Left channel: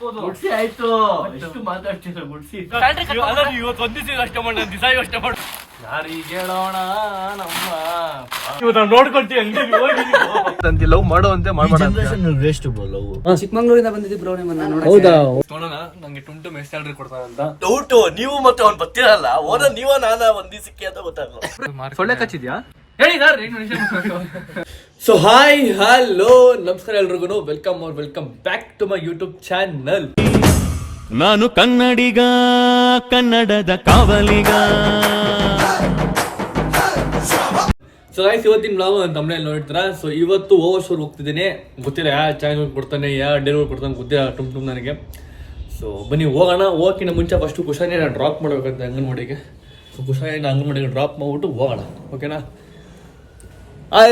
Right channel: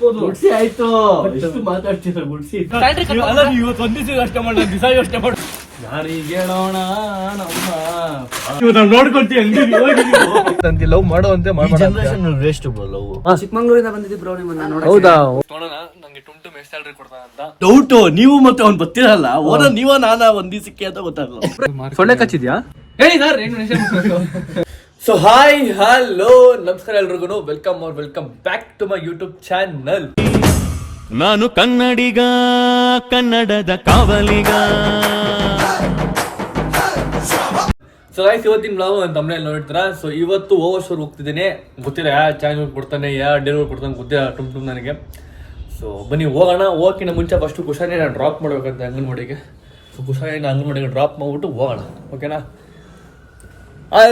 ಗುಡ್ಸಿ ಆಯ್ತು. ಎಷ್ಟು ಮಾತಾಡ್ತೀರ ಗುಡ್ಸಿ. ಇವತ್ತು ಒಂದ್ ದಿವಸ ಅಷ್ಟೇ ಮಾಡ, ದಿವಸ ಅಷ್ಟೇ ಮಾಡ. ಯಾರಿಗೇಳೋಣ ಲವ್ ಮಾಡುವಂತೆ ವೇಸ್ಟ್ ಲವ್. ಚಿಕ್ಕಮಂಗ್ಳೂರಿಂದ ಬಂದಿದ್ದಿ ಬ್ರೋ ನಿಮ್ಮನ್ನ ನೋಡಕ್ಕೆ. ಹೌದಾ? ನೋಡೋಣ, ನಂಗೆ ಟುಮ್ ಎಷ್ಟು ಸ್ಯಾಲರಿ ಕೊಡ್ತಾನಂತ ಡೌಟ್. ನೀವು ಮತ್ತೆ ಅವ್ನು ಬರ್ತೀರಲ್ಲ, ಓನ ನೀವ ನಾನ ಒಂದ್ ದಿವಸಕ್ಕೆ ಅಂತ ಗೊತ್ತಾಗಲ್ಲ. ಸೊಳ್ಳೆ ಕಚ್ಚಿದ್ಯಾ? ಹೇಳಿ ಸೊ ಹಾಯ್ ಹಲೋ ನಮಸ್ಕಾರ ಎಲ್ರಿಗೂ. Welcome back to my YouTube channel. ನಾನು ಕನ್ನಡಿಗ, ಕನ್ನಡದ ಕಾವಲಿಗ. ಸೊ ಗೈಸ್, ಇವತ್ತಿನ ಬ್ಲಾಗ್ ನನ್ನ ತಮ್ಮನೇಲಿ ನೋಡ್ತಾರ. ಸೊ ಇವತ್ತು ಓವರ್ ಹೋಗ್ತಿದ್ದೇನೆ. ಗೊತ್ತಿಲ್ಲ ಯಾವ ಚಾನಲ್ ಕೊಡ್ತಾನೆ, ಯಾವ ಡೆಲಿವರಿ ಕೊಡ್ತಾನೆ ಗೊತ್ತಿಲ್ಲ ಟುಮ್ ನನಗೆ. ಸೊ ಬನ್ನಿ ಹೋಗೋಣ. ಹೋಗೋಕ್ಕಿಂತ ಮುಂಚೆ ಫಸ್ಟು ಕುಶಾನಿ ನಾನು ಡ್ರಾಪ್ ಮಾಡ್ಬೇಕಂತ ಅಂಗನವಾಡಿಗೆ. ಸೊ ಕುಶಾನಿನ ಅಂಗನವಾಡಿಗೆ ಡ್ರಾಪ್ ಮಾಡ್ಬಿಟ್ಟು ಹೋಗೋಣ, ಓಕೆನಾ? I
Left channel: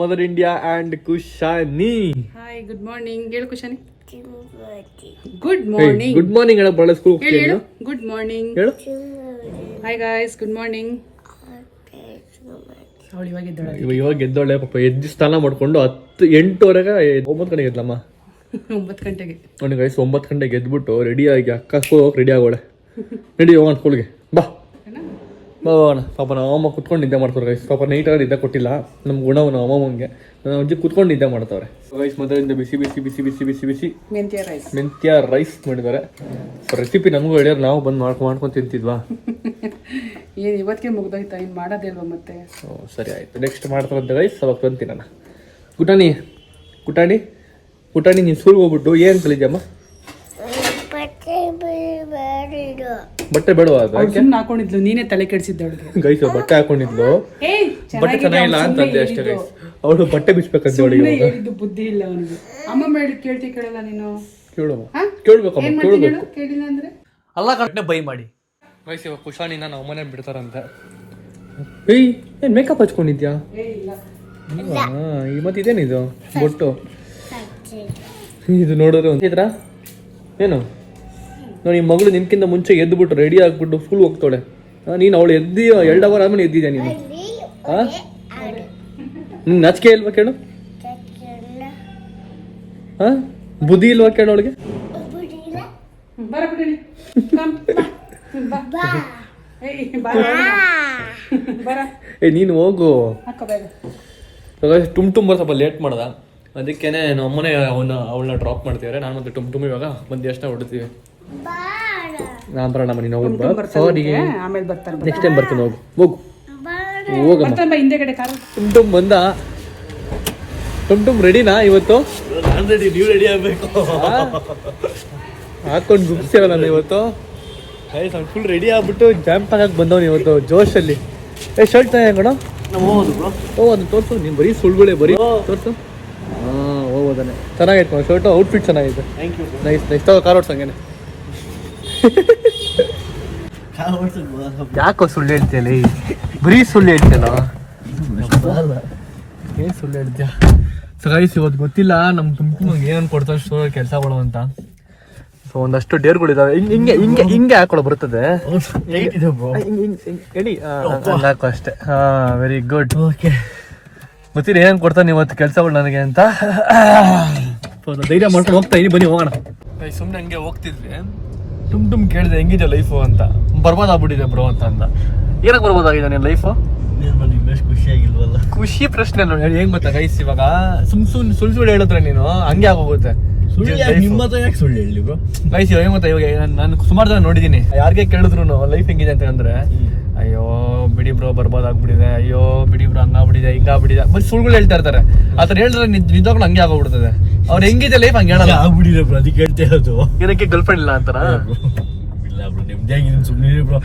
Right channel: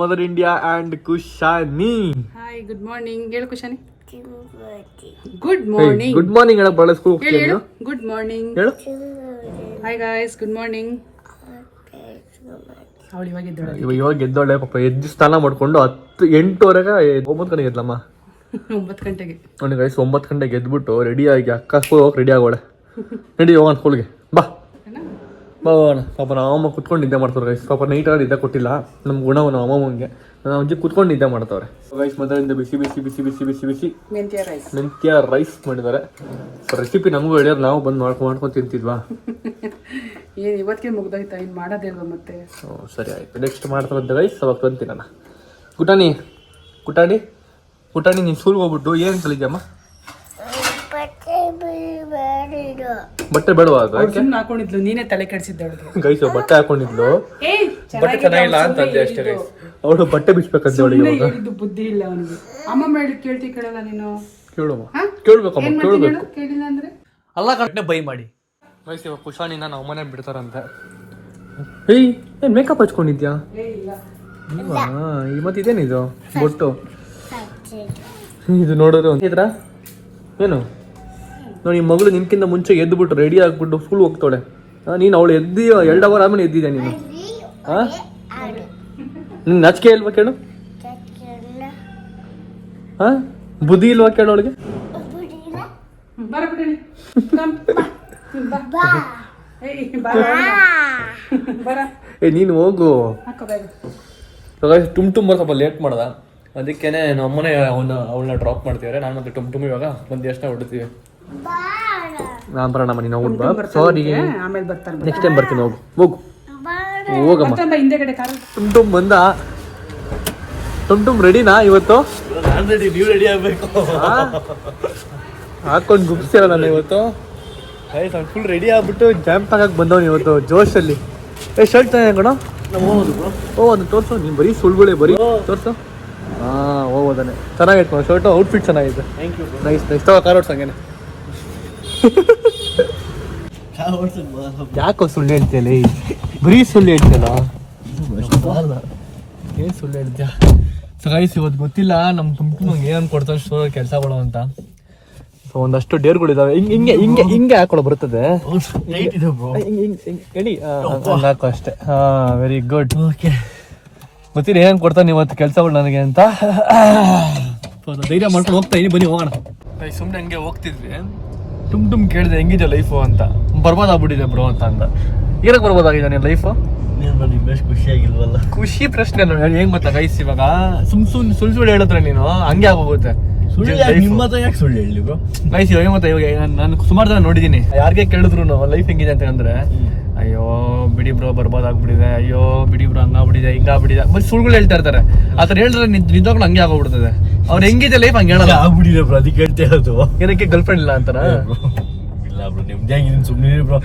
mother India and Kushani. Hi, good morning. ಹೇಳು Kushani. Good morning. Good morning ಹೇಳಕ್ ಬರಲ್ಲ ಸ್ಕೂಲ್ ಹೋಗ್ತೀನಿ. ಹೇಳು ಗುಡ್ ಮಾರ್ನಿಂಗ್. ಹೇಳು ಹಾಯ್ ಗಾಯ್ಸ್, ಗುಡ್ ಮಾರ್ನಿಂಗ್. ಅವಳು ಇವಾಗ ಇದ್ದಾಳೆ. ಇವಾಗ ಎದ್ದೋಳೆ ಪಾಪ. ಎದ್ದು ಸ್ನಾನ ಮಾಡ್ಕೊಂಡು 8:30 9 ಗಂಟೆಗೆ ಎದ್ಲಮ್ಮ. 9 ಗಂಟೆಗೆ ನೋಡಿ ಗೈಸ್, 9 ಗಂಟೆಗೆ ಎದ್ಬಿಟ್ಟು ರೆಡಿ ಆಗಿ ಅಕ್ಕ ಸ್ಕೂಲ್ ಹೋಗಿ ರೆಡಿ ಆಗೋಳೆ. ರೆಡಿ ಹೋಗೋಣ ಸ್ಕೂಲ್ಗೆ, ಬಾ ಹೋಗೋಣ. ಪಾಪ ನಾವು ಅಮ್ಮ ಕುತ್ಕೊಂಡು ನಿದ್ದೆ ಮಾಡ್ತಾರೆ ಗೈಸ್. ಪಾಪ ನೈಟಾಗಿ ನಿದ್ದೆ ಕೊಟ್ಟಿಲ್ಲ ನಮ್ಮ ಗುಣವು ನಮ್ಮ ಅಮ್ಮಂಗೆ. ನಾವು ಅಜ್ಜಿ ಕುತ್ಕೊಂಡು ನಿದ್ದೆ ಮಾಡ್ತಾವ್ರೆ ಗೈಸ್. ಮೊದಲಿಂದ ಬಿಸಿ ಬಿಸಿ ಬಿಸಿ ಬಿಸಿ ಬಿಸಿ ಬಿಸಿ ಮೆಂತ್ಯ ರೈಸ್ ಮಾಡಿದ್ದಾರೆ. ರೆಸಿಪಿ ನಮಗೂ ಹೇಳಿದ್ರೆ ನಾವು ಬಂದು ಮಾಡ್ಕೊಂಡು ತಿಂತಿದ್ವಾ? ಏನು ಇವತ್ತಿಗೆ ಮುಗ್ದೋಯ್ತಾ? ಇನ್ನು ಮಾಡೋದಿಲ್ವಾ ಮತ್ತೆ? ಸರಿ ಆಯ್ತು, ನೆಕ್ಸ್ಟ್ ಮಾಡ್ತಾರಂತೆ ಗೈಸ್. ಅವಾಗ ಬಂತೀನಿ ನಾನು. ಕುಟಾಣಿ ಕುಟಾಣಿ ಕುಟಾಣಿ, ನೀನು ಸ್ಕೂಲ್ಗೆ ಹೋಗ್ಬಿಟ್ಟು ಏನು ಕಲಿದ್ಯಮ್ಮ? ಬಟ್ಟೆ ಬೇಡವಾ? ಹಾಕೊಂಡಿದ್ಲು, ನೀನೇ ತಲೆ ಕೆಡಿಸಿದ್ದ ಗೈಸ್. ಬಟ್ಟೆ ಹಾಕೊಂಡಿದ್ಲು, ಬಟ್ಟೆ ಚೆನ್ನಾಗಿಲ್ಲ ಅಂತಂದೆ ಅಷ್ಟೇ ಗೈಸ್. ಅವಳು ಬಟ್ಟೆ ಬಿಚ್ಬೇಕಂತ ಅವಳಿಗೆ ಬುದ್ಧಿ ಇಲ್ಲ ಅವನಿಗೆ. ಅಮ್ಮ ಮಾಡಿ ಕೇಳಲ್ಲ ನೀನು? ಕೇಳ್ಬೇಕಮ್ಮ, ಕೇಳ್ಬೇಕು. ಕೇಳಿಲ್ಲ ಅಂದ್ರೆ ಅಲ್ಲ ಕಟ್ಟನೆ ಬೈ ಮಾಡಿ ಗೈಸ್. ಇವಾಗ ಕುಶಾನಿನ ನಾವು ಮನೆ ಬಿಡ್ತಾರಂತೆ. ಏನ್ ಮೇಕಪ್ ಹಚ್ಕೊಂಡಿದ್ಯಾ? ಮತ್ತೆ ಇದೇನಿದು ಬೊಟ್ಟು? ಇದು ನೋಡಿದ್ರೆ ಒಂದಿದ್ರ ಏನು ನೋಡಿ, ಮಗಳು ನಿನ್ಕಿಂತ ಮುಂಚೆ ಎದ್ಬಿಟ್ಟು ರೆಡಿ ಆಗ್ಬಿಟ್ಟು ಸ್ಕೂಲ್ ಹೋಗ್ತಾಳೆ. ನೀನು ಅವಳು ಎದ್ದಿ 2 ಅವರ್ ಆದ್ಮೇಲೆ ಎದ್ದಿದ್ಯಾ ನೀನು? ನಿನ್ ನಾಚಿಕೆ ಇಲ್ವಾ ಕೇಳು? ಬುದ್ಧಿ ಇಲ್ವಾ ಕೇಳು ಅವಳಿಗೆ? ನೀನು ಹೋಗು. ಟುಮ್ ಸ್ವಲ್ಪ ಲೇಟ್ ಮಾಡ್ದ, ಅದಕ್ಕೇನೆ ನಮ್ಮ ಅಮ್ಮನೇ ಅವಳನ್ನ ಡ್ರಾಪ್ ಮಾಡ್ತಿದ್ದಾರೆ. ನಾನು ಮತ್ತೆ ಟುಮ್ ಇವಾಗ ಬಂದು ಎಷ್ಟ ಹೊಡ್ತೀವಿ. ನಾನು ಬರೋಣ ನೀನು ಹೋಗ್ಬಿಟ್ಟು. ಸಾರಿ, ಆಮೇಲೆ ಬರ್ತಾರೆ. ನೆಕ್ಸ್ಟ್ ಟೈಮ್ ಬರ್ತೀನಿ. ಹೋಗು ಹೋಗಮ್ಮ. ಹಿಂದೆಗಡೆ ಟುಮ್ ಬಂದ. ಟುಮ್ ರೆಡಿನಾ ಇವತ್ತು? ನಾನು ರೆಡಿ, ನೀವು ರೆಡಿ ಆಗ್ಬೇಕು. ಹಾಕೊಂಡು ಗುಪ್ಸಿರ ನಾನು ಇವತ್ತು. ಫುಲ್ ರೆಡಿ ಆಗ್ಬಿಟ್ಟು ಜಾಂಪ್ ಆಗಕ್ಕೆ ಬಂದವನು ಇವತ್ತು ಜೋಶಲ್ಲಿ. ಶರ್ಟ್ ಚೆನ್ನಾಗಣ ಅದು ತೋರ್ಸು. ನೀನು ಬರೀ ಸುಳ್ಳುಗಳೇ ಬರೀ ತೋರ್ಸು. ಹೋಗೋದಾನೆ ಚೆನ್ನಾಗೈತೆ ಶರ್ಟು. ಔಟ್ಫಿಟ್ ಚೆನ್ನಾಗಿದೆ. Thank you. Nice nice. Car ಓಡ್ಸ್ ಹಂಗೇನೆ. ಯಾಕೋ ಸುಳ್ಳು ಹೇಳ್ತೀನಿ? ಬರೀ ಸುಳ್ಳು ಹೇಳ್ತೀನ? ಏನು ಸುಳ್ಳು ಹೇಳ್ತೀಯ? ಸೊ ಗೈಸ್, ಇವತ್ತು ಗೊತ್ತಿಲ್ಲ ನಮ್ಮ ತುಮ್ಗೆ ಏನು ಕೊಡ್ತಾರೆ ಸ್ಟೋರ್ ಕೆಲಸಗಳು ಅಂತ. ಒಂದಷ್ಟು ಡೇರ್ಗಳಿದಾವೆ. ಹಿಂಗೆ ಹಾಕೊಳ್ಳೋ ಬರ್ತದೆ. ಹಾಕು ಅಷ್ಟೇ. Very good. ಓಕೆ, ಗೊತ್ತಿಲ್ಲ ಏನ್ ಕೊಡ್ತಾನೆ ಇವತ್ತು ಕೆಲಸಗಳು ನನಗೆ ಅಂತ. ಧೈರ್ಯ ಮಾಡ್ಕೊಂಡು ಹೋಗ್ತಾ ಇದೀನಿ, ಬನ್ನಿ ಹೋಗೋಣ. ಸುಮ್ಮನೆ ಹಂಗೆ ಹೋಗ್ತಿದ್ವಿ. ಟುಮ್ ಕೇಳಿದೆ ಹೆಂಗಿದೆ ಲೈಫು ಅಂತ. ಬರ್ಬೋದಾಗ್ಬಿಟ್ಟಿದೆ ಬ್ರೋ ಅಂತ ಅಂದ. ಏನಕ್ಕೆ ಬರ್ಬೋದಾಗಿದೆ ನೀನು ಲೈಫು? ಖುಷಿಯಾಗಿಲ್ವಲ್ಲ? ಖುಷಿ ಪ್ರಶ್ನೆ ಹೆಂಗ್ ಗೊತ್ತಾ ಗೈಸ್, ಇವಾಗ ಸುಳ್ಳು ಹೇಳಿದ್ರೆ ನೀನು ಹಂಗೆ ಆಗೋಗುತ್ತೆ. ನಿಮ್ಮ ಹತ್ರ ಯಾಕೆ ಸುಳ್ಳು ಹೇಳಿ ಬ್ರೋ? ಗೈಸ್ ಇವಾಗ ಗೊತ್ತಾ, ಇವಾಗ ನಾನು ಸುಮಾರು ಜನ ನೋಡಿದೀನಿ, ಯಾರಿಗೆ ಕೇಳಿದ್ರು ಲೈಫ್ ಹೆಂಗಿದೆ ಅಂತ ಅಂದ್ರೆ, ಅಯ್ಯೋ ಬಿಡಿ ಬ್ರೋ ಬರ್ಬೋದಾಗ್ಬಿಟ್ಟಿದೆ, ಅಯ್ಯೋ ಬಿಡಿ ಬ್ರೋ ಹಂಗಾಗ್ಬಿಟ್ಟಿದೆ ಹಿಂಗಾಗ್ಬಿಟ್ಟಿದೆ, ಬರೀ ಸುಳ್ಳುಗಳು ಹೇಳ್ತಾ ಇರ್ತಾರೆ. ಆತರ ಹೇಳಿದ್ರೆ ನಿಜವಾಗ್ಲೂ ಹಂಗೆ ಆಗೋಗ್ಬಿಡ್ತದೆ. ಅವ್ರು ಹೆಂಗಿದೆ ಲೈಫ್ ಹಂಗೆ ಹೇಳಲ್ಲ. ಆಗ್ಬಿಟ್ಟಿದೆ ಬ್ರೋ, ಅದಕ್ಕೆ ಹೇಳ್ತಾ ಇರೋದು. ಏನಕ್ಕೆ ಗರ್ಲ್ ಫ್ರೆಂಡ್ ಇಲ್ಲ ಅಂತಾರ? ಇಲ್ಲ ಬ್ರೋ, ನೆಮ್ಮದಿಯಾಗಿದ್ದೀನಿ, ಸುಮ್ಮನೆ ಬ್ರೋ.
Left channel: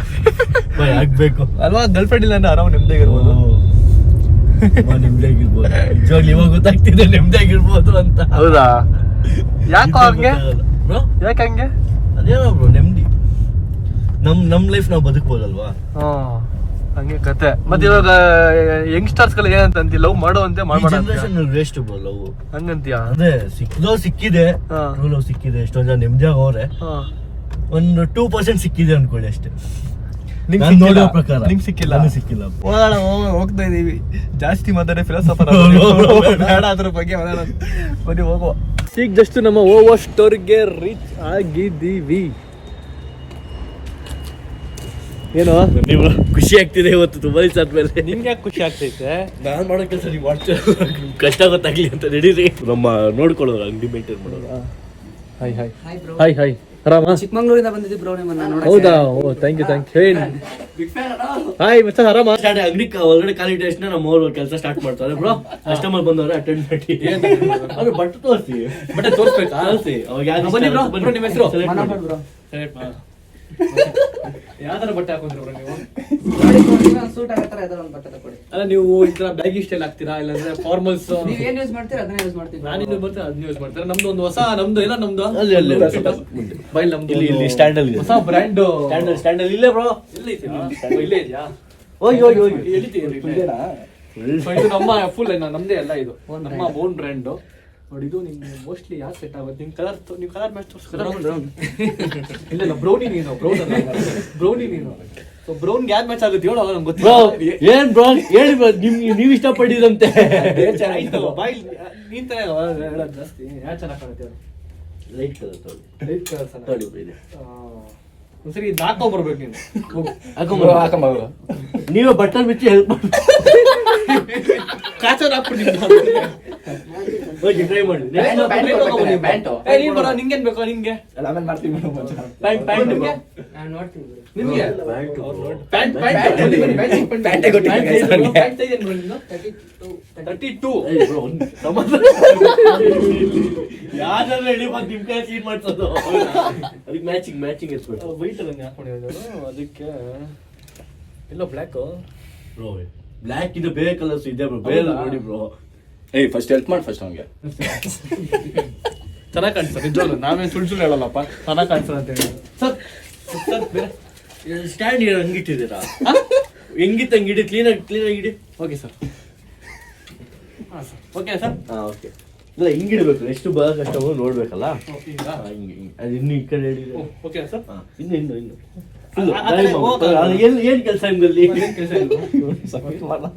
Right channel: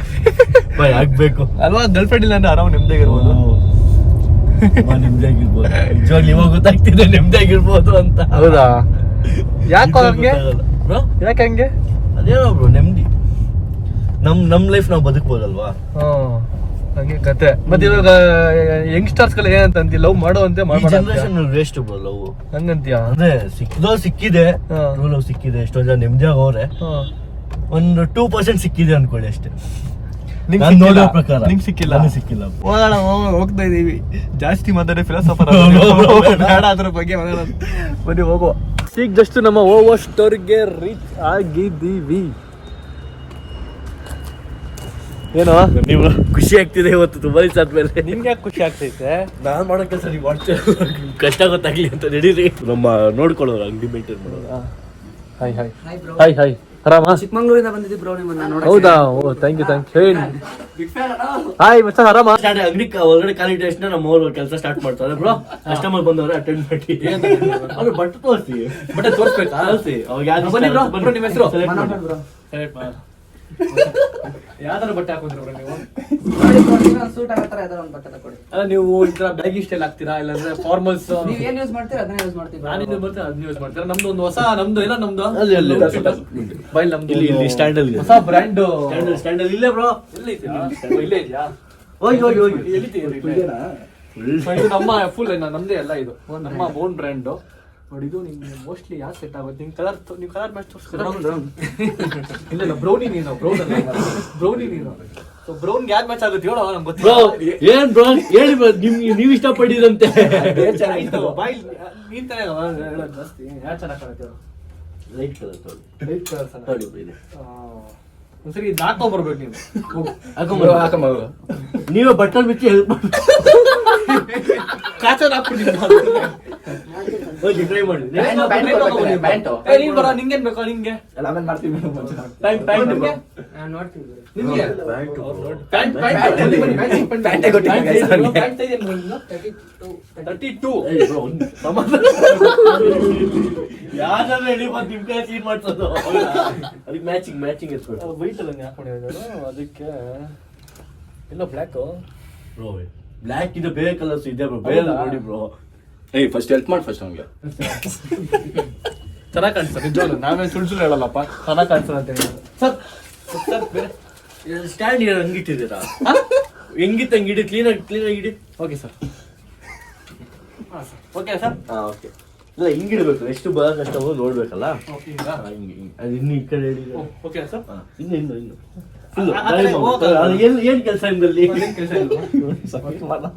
ಆಗ್ಬೇಕು ಅಲ್ವಾ? ಗರ್ಲ್ ಫ್ರೆಂಡ್ ಇಲ್ಲ ಅಂದ್ರೆ ಆರಾಮ ನೆಮ್ಮದಿಯಾಗಿರ್ಬೋದು. ನೆಮ್ಮದಿಯಾಗಿರ್ಬೋದು. ನಿಜವಾಗ್ಲೂ ಇವಾಗ ಗೊತ್ತಾಗ್ತಿದೆ ನೆಮ್ಮದಿಯಾಗಿರ್ಬೋದು ಅಂತ. ಹೌದಾ? ಯಾಕೋ ಹಂಗೆ? ಯಾಕೆ ಹಂಗೆ? ಅದೇನೋ ಬ್ರೋ, ನೆಮ್ಮದಿ. ನಮ್ ಲೈಫ್ ನಾವು ಬದುಕ್ಬೋದಲ್ವಾ? ಹಂಗೆ ಕತೆ. ಮತ್ತೆ ಇವಾಗ ಯಂಗ್ಸ್ಟರ್ಸ್ ಗಳು ಏನಂತ ಲವ್ ಮಾಡುವಂತೆ ಜನರೇಷನ್ ವೇಸ್ಟ್ ಬ್ರೋ ಲವ್ ಹಂಗಂತೀಯ? ಅದೇ ಸಿಕ್ಕಿದೆ ಲವ್ ಸಿಕ್ಕಿದೆ, ಎಷ್ಟೊಂದ್ ಜನ ನೆಮ್ಮದಿಯಾಗ ಹೋದ್ರೆ ಒಂದು 2% ಸಿಕ್ಕಿದೆ ಅನ್ಕೊಳ್ಳಿ ಅಷ್ಟೇ. ನೋಡೋ ಪ್ರಕಾರ ನಿಂಗೆ ಸಿಕ್ಕಿಲ್ಲ? ಸಿಕ್ಕಿಲ್ಲ. ಹೋಗ್ತಾ ಇದೀವಿ, ಜಾಸ್ತಿ ಮಾತಾಡಿ ಫಿಲಾಸಫರ್ ಬೇಡ, ಅದ್ರ ಬಗ್ಗೆ ಬನ್ನಿ ಹೋಗುವ. ಈಗ ಜಸ್ಟ್ ನಮ್ಮ ಓವರ್ ಸ್ಟೋರ್ಗೆ ರೀಚ್ ಆಗಿದ್ದೀವಿ. ಏನೋ ನೀವು ಖುಷಿ ಆಗ್ತಿದೆ ಇವತ್ತು ತುಂಬಾ ದಿವಸ ಆದ್ಮೇಲೆ. ನಿಮ್ಗೆ ಯಾಕೆ ಖುಷಿ ಆಗ್ತೈತೆ? ನಾನು ಮಾಡೋ ಕೆಲಸ ನೀವು ಮಾಡ್ತೀರ, ಕಷ್ಟ ಗೊತ್ತಾಗ್ಲಿ ಅಂತ ನಡೀರಿ. ನಮ್ಮ ನೋಡ್ಕೊಳ್ಳೋರು ಅಂಗಡಿ ಮೇಂಟೈನ್ ಮಾಡೋರು. ಹಾಯ್ ಹಾಯ್ ಹಾಯ್ ಹಾಯ್ ಆರಾಮ? ಚಿಕ್ಕಮಂಗ್ಳೂರಿಂದ ಬಂದಿದ್ದಿ ಬ್ರೋ ನಿಮ್ಮನ್ನ ನೋಡಕ್ಕೆ. ಹೌದಾ? ಓ ಥ್ಯಾಂಕ್ ಯು ಹಾಯ್ ಮಚ್ಚ ಆರಾಮ? ಅಂಗಡಿ ಒಳಗಡೆ ಕಾಲಿಟ್ಟ ತಕ್ಷಣ ನಮ್ಮ ಅವ್ರು ಕೆಲಸ ಸ್ಟಾರ್ಟ್ ಮಾಡ್ತಾರೆ. ಬ್ರೋ ಕಸ್ಟಮರ್ ಬಂದವ್ರೆ ಅಟೆಂಡ್ ಮಾಡಿ ಅವ್ರು ಬಟ್ಟೆ ತೋರಿಸಿ, ಬಟ್ಟೆ ತೋರಿಸ್ಬೇಕಾ? ತೋರಿಸಿ ಅವಾಗ ಯಾರು ಬನ್ನಿ ಬ್ರೋ, ಬನ್ನಿ, ನಿಮ್ಮ ಹೆಸರು? ಮನೋಹರ್ ಬ್ರೋ. ಯಾವ ತರ ಬಟ್ಟೆ ಹಾಕೊಂಡ್ರಿ ಬ್ರೋ ನೀವು? ಸೂಟ್ ಆಗೋ ತರ ಯಾವ್ದಾರ ಒಂದು ಬಟ್ಟೆ ತಗೊಳ್ಳಿ. ಅಲ್ಲ ನೀವು ಈ ತರ ಬ್ಯಾಗಿ ಸ್ಟೈಲ್ ಹಾಕ್ತೀರಾ ಇಲ್ಲಾಂದ್ರೆ ಫಾರ್ಮಲ್ಸ್? ನೀವ್ ಏನ್ ಯೂಸ್ ಮಾಡ್ತೀರಾ ಅದನ್ನ ಯೂಸ್ ಮಾಡ್ತೀವಿ. ನಾನು ಇದು ಬರ್ತೇನೆ ಅದನ್ನ ಯೂಸ್ ಮಾಡ್ತಾರೆ. ನಮ್ದು ಒಂದು ಹೊಸ ನಮ್ದು ಇಲ್ಲ ನಮ್ದು ಅಲ್ಲಿ ಅಲ್ಲಿ ಬೈಲ್ ನಮ್ದು ಇಲ್ಲಿ ಸ್ಟ್ಯಾಂಡ್ ಅಲ್ಲಿ ಹೊಸ ಬ್ರ್ಯಾಂಡ್ ಸ್ಟ್ಯಾಂಡ್ ಅಲ್ಲಿ ಇಲ್ಲೇ ಬ್ರೋ. ಇಲ್ಲೇ ಇದೆಯಾ? ಇಲ್ಲೇ ಇದೆಯಾ? ಹೋಗಿ ಹೋಗಿ ಹೋಗಿ ಎಲ್ಲಿದ್ದೀರಿ? So, ಇದು ನಮ್ಮ ಫುಲ್ ನಮ್ದೇ ಎಲ್ಲ ಇದು ನಮ್ಮ ಓನ್ ಬ್ರ್ಯಾಂಡ್ ನೋಡಿ. ಇದು ನಿಮ್ಗೆ ಮೋಸ್ಟ್ಲಿ ಯಾಕೆ ಸೆಟ್ ಆಗುತ್ತೆ? ನಿಮ್ ಕಲರ್ ನೀವು ಕಲರ್ ಮ್ಯಾಚ್ ತೋರಿಸ್ತೀರಾ? ಇಲ್ಲ ಇಲ್ಲ ಬ್ರೌನಿ ನೀನು ಬ್ರೌನಿ ನೀನು. ಸೊ ಬ್ರೌನ್ಗೆ ಯಾವ್ದು ಮ್ಯಾಚ್ ಆಗುತ್ತೆ ಹೇಳೋ? ನಮ್ಗೆ ಬ್ರೋ ಗೊತ್ತಿಲ್ಲ. ಏನ್ ಬ್ರೋ ಹೇಳಿ ಬ್ರೋ, ನೀವು ಇಷ್ಟಪಟ್ಟಿರಂತೆ. ಬಾಯ್ ನೀನ್ ತಾನೇ ಹೇಳೋದು ಜಾಸ್ತಿ. ಯಾರು ಚೆನ್ನಾಗಿ ಕಾಣುತ್ತೆ? ಲೈಟ್ ಕಲರ್ ತೊಗೊಳ್ಳಿ. ಲೈಟ್ ಕಲರ್ಸ್ ತೊಗೊಳ್ಳಿ ಬ್ರೋ ಇದೆ. ಒಂದ್ಸರಿ ಇದು ಹಾಕೊಂಡ್ಬರ್ಬೇಕು ನೀನು. ಹಾಕೊಂಬ ನೀವೇ ಬಟ್ಟಲ್ ಬಿಚ್ಚಿ ಹೆಲ್ಪ್ ಮಾಡಿ ಕಾಚರ್ ಹಾಕ್ಬಿಡ್ತೀನಿ. ಹೋಗಿ ಟ್ರೈ ಮಾಡಿ. ನೀನ್ ಬರೋ ನಿಂಗೇನ್ ಬೇಕೋ? ನಿಂಗೆ ಪ್ಯಾಂಟ್ ನಿಮ್ಗೆ ನೋಡ್ತೀವಿ. ನಿಮ್ಗೆ ಪ್ಯಾಂಟ್ ಯಾರು ಹೇಳಿ ಮತ್ತೆ ನಿಮ್ ಕೈ ಸೀಟ್ ಮಾಡ್ಸೋದು ಅದಕ್ಕೆ ಮ್ಯಾಚಿಂಗ್ ಎತ್ಕೊಡು. ವೈಟ್ ಅಲ್ಲ ಹಾಕೊಂಡಿದ್ದಾರೆ ಅದಕ್ಕೆ. ಇಲ್ಲ ಬ್ಲ್ಯಾಕ್ ಬ್ರೋ ಬ್ಲ್ಯಾಕ್ ಇದೆ, ಬೇರೆ ಕಲರ್ಸ್ ಇದೆ ಬ್ರೋ, ಬೇರೆ ನೋಡಿ ಬ್ರೋ. ಏಯ್ ಫಸ್ಟ್ ಹೆಲ್ಪ್ ಮಾಡಿ ಫಸ್ಟ್ ಅವ್ನಿಗೆ. ಚೆನ್ನಾಗಿ ಕಾಣಿಸ್ತದೆ ನಿಜವಾಗ್ಲು. ನಾವೇನು ಸುಳ್ಳು ಹೇಳಲ್ಲಪ್ಪ, ಚೆನ್ನಾಗಿ ಕಾಣಿಸ್ತದೆ ಅಂತ ಹೇಳಿ. ಸರ್ ಸ್ಟ್ಯಾಂಡ್ ಹಂಗಿಟ್ಟಿದ್ದೀರಾ? ಹೆಂಗಿತ್ತು ಹಂಗಿಡಿ, ಕ್ಲೀನಾಗಿ ಇಡಿ. Okay sir. Okay sir. Okay. ಇಲ್ಲ ಹಿಂಗಿಡ್ಬೇಕು, ಎಷ್ಟು ಬರೋ ಕಷ್ಟಮರ್ ನೋಡ್ಬೇಕಲ್ಲ. ಹಿಂಗೆ ಅದು ಇನ್ನು ಈ ಕಡೆ ಹಿಡಿದು. Okay sir. ಇನ್ನು ಏನ್ ಕೆಲಸ ನಿಮ್ದಲ್ಲಿ?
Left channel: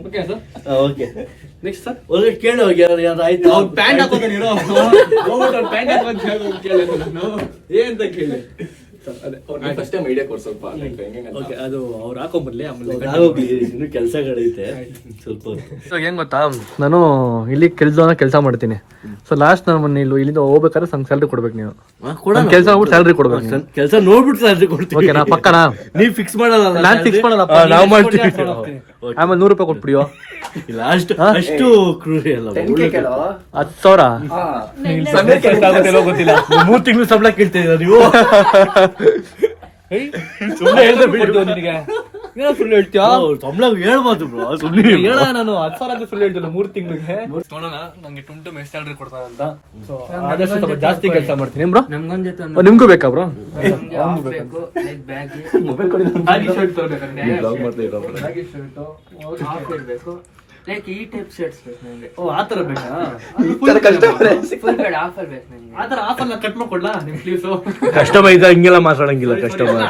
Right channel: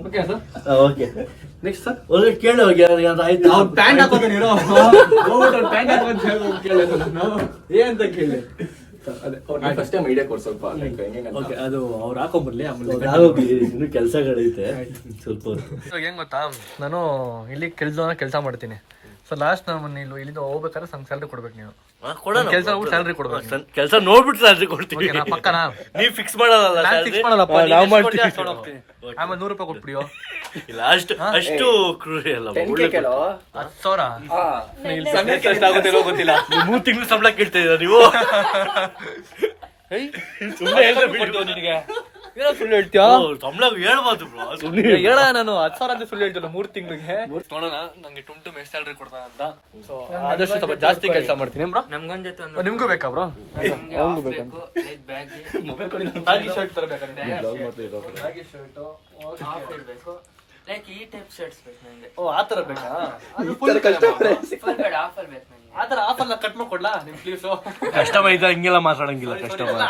Okay sir. Okay next sir. ಒಳಗಡೆ ಕೇಳಿ ಹೋಗಿ ಯಾರು ಆಯ್ತು. ಅವ್ನು ಪ್ಯಾಂಟ್ ಹಾಕೋತಾನೆ ಇರೋ. ಹೋಗ್ಬಿಟ್ಟು ಪ್ಯಾಂಟ್ ಹಾಕೋದು ಕೇಳಿದ್ರು ನಾನು ಏನಂತ ಕೇಳಿ. ಅದೇ ಫಸ್ಟ್ ಟೈಮ್ ಐಡಿಯಾ ಕೊಡ್ ಸ್ವಲ್ಪ. ಓಕೆ ಅದು ಅವ್ರು ಹಾಕೊಂಡ್ಬರ್ಲಿ ಆಮೇಲೆ ಇನ್ನು ಕೆಲಸಗಳೈತೆ ಸ್ವಲ್ಪ ಹೊತ್ತು. ಏನ್ ಗೊತ್ತಾ, ನಾನು ಇಲ್ಲಿ ಕೆಲಸ ಮಾಡ್ತೀನಿ. ಸೊ ಲಾಸ್ಟ್ ನಾನು ಇಲ್ಲಿಂದ ಹೋಗ್ಬೇಕಾದ್ರೆ ನಂಗೆ ಸ್ಯಾಲ್ರಿ ಕೊಡ್ಬೇಕು. ನೀವು ಕೆಲಸ ಮಾಡ್ಬಿಟ್ಟು ಸ್ಯಾಲ್ರಿ ಕೊಡ್ಬೇಕು. ಕೆಲಸ ನೋಡ್ಬಿಟ್ಟು ಸ್ಯಾಲ್ರಿ ಕೊಡ್ತೀವಿ. ಓಕೆ ನಾ ಪಕ್ಕನಾ? ನೀವ್ ಫಿಕ್ಸ್ ಮಾಡಲ್ಲ. ನಾನ್ ಫಿಕ್ಸ್ ಮಾಡಲ್ಲಪ್ಪ, ನಾವು ಮಾಡ್ತೀವಿ. ಆಮೇಲೆ 100 ರೂಪಾಯಿ ಕೊಟ್ಬಿಡಿಯೋ. ಇಲ್ಲ ಅಷ್ಟು ಕ್ರೂರಿ ಅಲ್ಲ. 10,000 ಗೊತ್ತಿಲ್ಲ. 3 ತಿಂಗಳು ಸಂಬಳ ಕೇಳ್ತಾ ಇದ್ದೀರಾ ನೀವು? ನಿನಗೆ ಏನೋ ಸುಳ್ಳು ಹೇಳ್ತೀಯ? ಸಂಬಳ ಹೇಳ್ಬೋದು ಬ್ರೋ, ಸುಮ್ಮನೆ ಹೇಳ. ನಾನು 10,000 ಅಂತ ಸುಳ್ಳು ಹೇಳ್ತಿಲ್ಲ 3 ತಿಂಗಳಿಗೆ. ನೋಡೋಣ ನಂಗೆ ಟುಮ್ ಎಷ್ಟು ಸ್ಯಾಲ್ರಿ ಕೊಡ್ತಾರಂತ. ಸೊ ಆದಷ್ಟು ಸ್ವಲ್ಪ ಜಾಸ್ತಿ ಕೆಲಸ ಮಾಡ್ತೀನಿ ಬ್ರೋ. ನಮ್ಗೊಂದ್ ಜೊತೆ ನಿಮ್ಗೂ ಬೇಕಾ ಬ್ರೋ? ಬ್ಯಾಗಿ ಶರ್ಟ್ ತರಬೇಕಂದ್ರೆ ಲೈಕ್ ಈ ಟೈಪ್ ಶರ್ಟ್ಸ್ ಬೇಕು ನಂಗೆ. ಓ ಆ ತರ ಬೇಕಾ? ಫುಲ್ ಕಟ್ ಆಫರ್ ಬೇಕು ನಂಗೆ. ಆ ತರ ಆಫರ್ ಕಟ್ ಮಾಡ್ಕೊಡ್ಲಾ ನಿಮ್ ಸ್ಲೀವ್ಸ್? ಕಸ್ಟಮರ್ ಇದ್ದ ಹಿಂಗೆಲ್ಲ ಮಾತಾಡಂಗಿಲ್ಲ. ಕಸ್ಟಮರ್